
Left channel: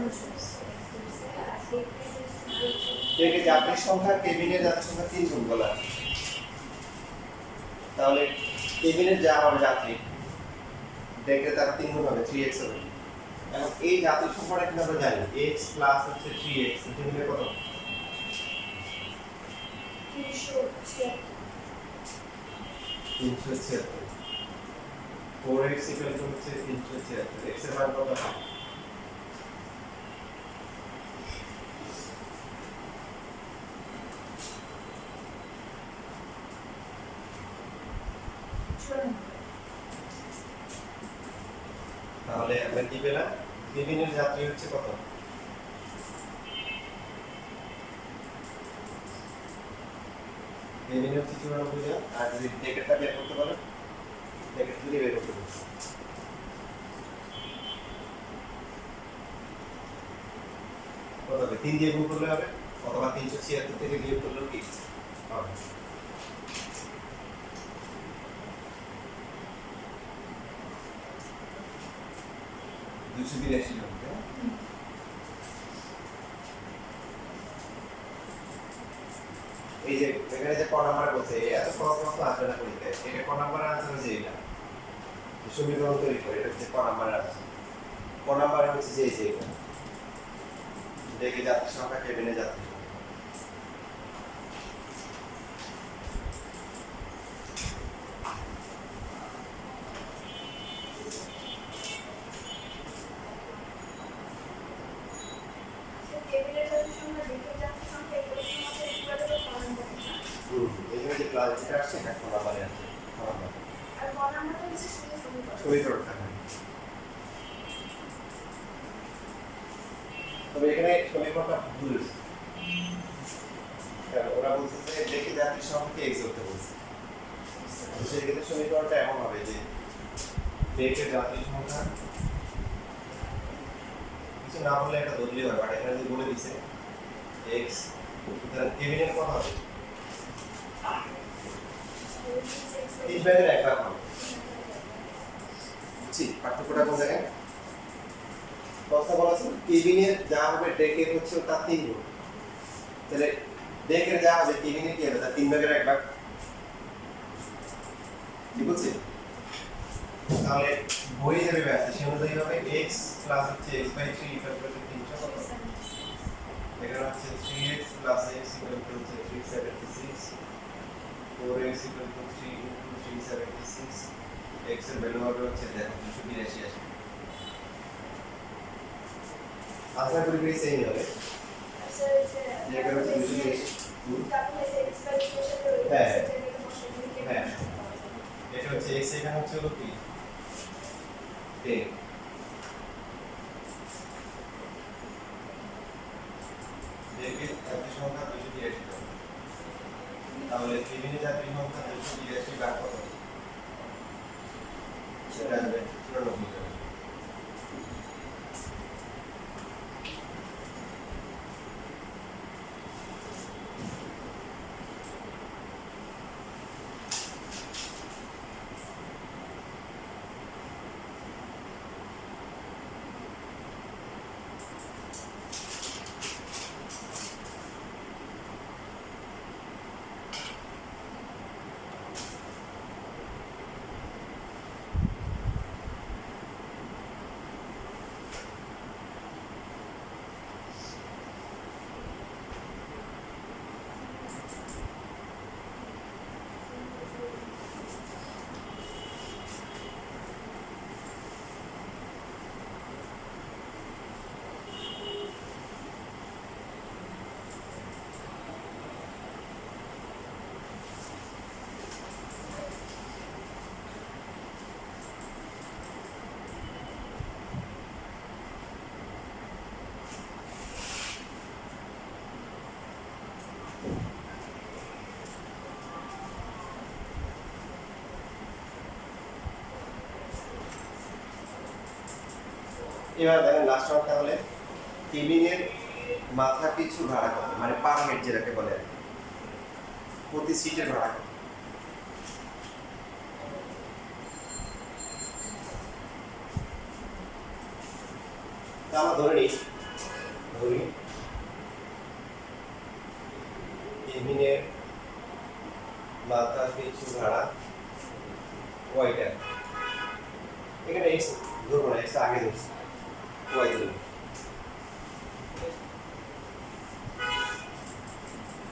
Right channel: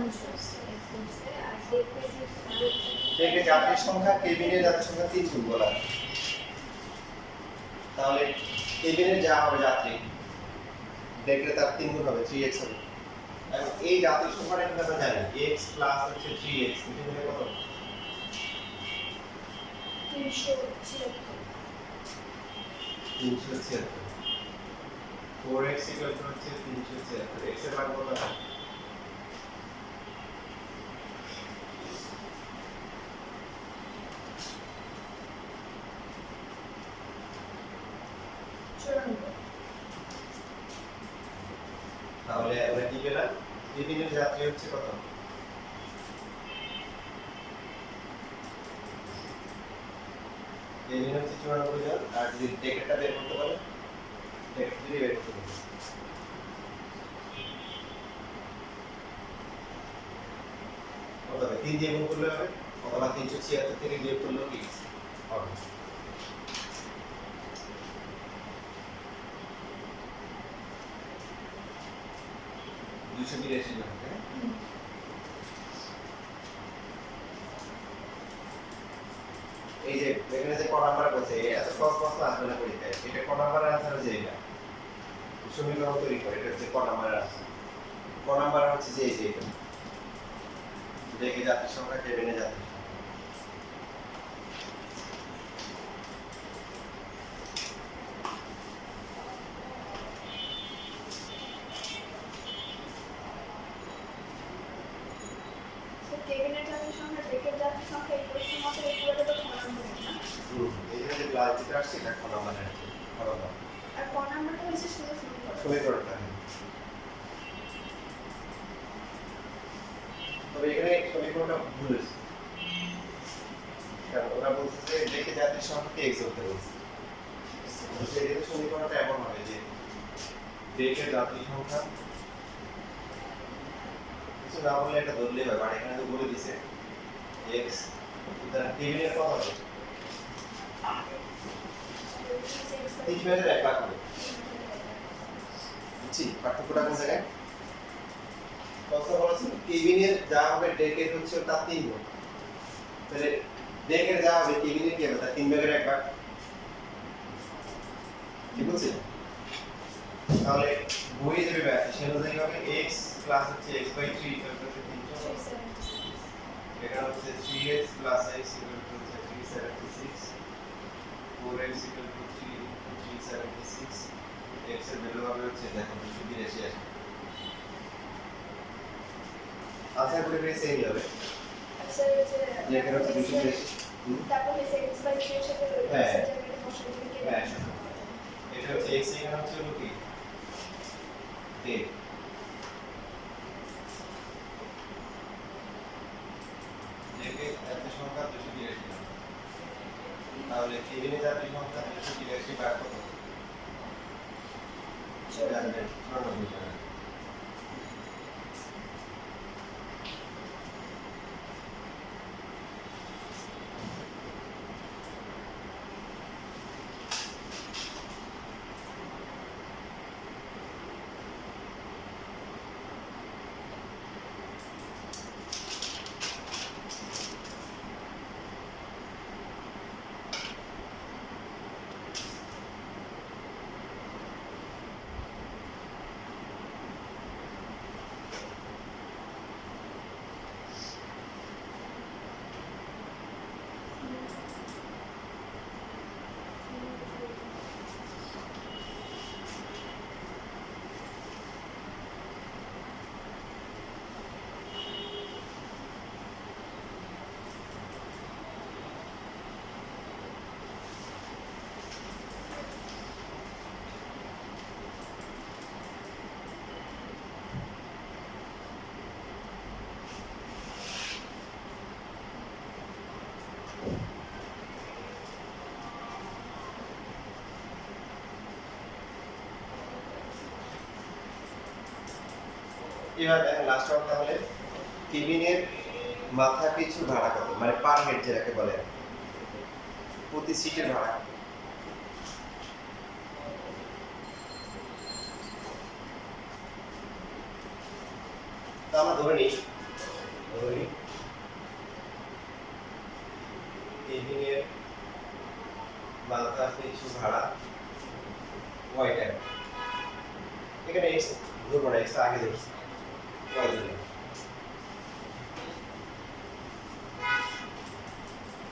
ডেকের যাত্রীর সংখ্যা কেবিনের যাত্রীর সংখ্যা 3 গুণ বলা আছে। তাহলে কেবিনের যা হবে যাত্রী, ডেকের তার 3 গুণ হবে, 3x হবে। এখন এই যাত্রীর সংখ্যাটা কিন্তু আমরা জানি x প্লাস হচ্ছে 3x, এটা হলো কত? 376। 4x ইকুয়াল টু হচ্ছে 376, x এর মান কত হয়? তাহলে আমরা কি পেলাম? কেবিনের যাত্রী হচ্ছে কত? কেবিনে হচ্ছে 94 জন, আর যদি ডেকেরটা বের করতে পারো, ডেকের যদি বের করতে পারো কত হবে? 3 দিয়ে গুণ করলে হবে, অথবা 376 থেকে বিয়োগ করলেও কি হবে? এই যে এখানে যে ক নাম্বার বলছে এত সহজ প্রশ্ন আসবে না পরীক্ষায়, এটা ক নাম্বারের আনসার হচ্ছে এটা, সমীকরণ তৈরি করে এটা হচ্ছে ক নাম্বারের আনসার। ক নাম্বার হচ্ছে যে এই যে এটা ডেকে যাত্রী সংখ্যা কেবিনে যাত্রী সংখ্যা। কেবিনের যাত্রীর সংখ্যা ডেকের যাত্রী সংখ্যা ইকুয়ালের মতো ইকুয়ালের ঘন নম্বর না এখানে যে প্লাস যেটা আসছে এটা কোন নাম্বারে আসছে কোন নাম্বার আর ঘন নম্বরটা হচ্ছে শুধু সমীকরণ সমীকরণটা তবে এখানে সমীকরণটা ভুল হয়েছে কারণ ওরা বলছে যে দেখে যাত্রীর সংখ্যাকে এক্স ধরতে বলছে তো সেক্ষেত্রে সমীকরণটা এমন হবে যে দেখে যাত্রীর সংখ্যা কিছু না বললে একটা ধরলেই হয় বাট এখানে তো বলে দিছে এক্স সুতরাং কেবিনের কত হবে 3 ব্যাগের 1 লাখ হবে বুঝছি পার্থক্যটা কোন জায়গায় কথা বলা আছে কেবিনের যা হবে ডেকের হচ্ছে ওটা 3 গুণ তাহলে ডেকের যা হবে কেবিনের কি হবে তার 3 ভাগের 1 ভাগ ঠিক আছে তাহলে বই যাবে ব্যাস সে অনুযায়ী হবে x প্লাস হচ্ছে x বাই 3 ইকুয়াল টু 300 এখানে হচ্ছে 3x plus x equal to হচ্ছে 376 4x equal to 3 into 376 x এর ভ্যালু হবে হচ্ছে দেখো 282 আসে আশা করি বেশ এই হবে আচ্ছা যে এখানে হচ্ছে 282 তারপর এসে x বাই 3 এর সাথে ওই হ্যাঁ। জায়গাটা বসিয়ে দিলে হ্যাঁ। এটা হচ্ছে x এখানে হচ্ছে হলো কি 10 যেকে যাত্রী সংখ্যা 282 তাহলে কেবিনে যাত্রী সংখ্যা 282 ভাগ কত সেটা আসবে 94 জন এবার দেখেন লাস্ট ওয়ান তাহলে কেবিনের মাথা পিছু ভাড়া কত মানে পার হেড যেটাকে বলে প্রতি সিটের ভাড়া কত তা আমরা ধরে নিই কেবিনের মাথা পিছু ভাড়া ওয়াই টাইম এখানে এক্স ধরবো না এক্স আগে ধরছি ওয়াই ধরবো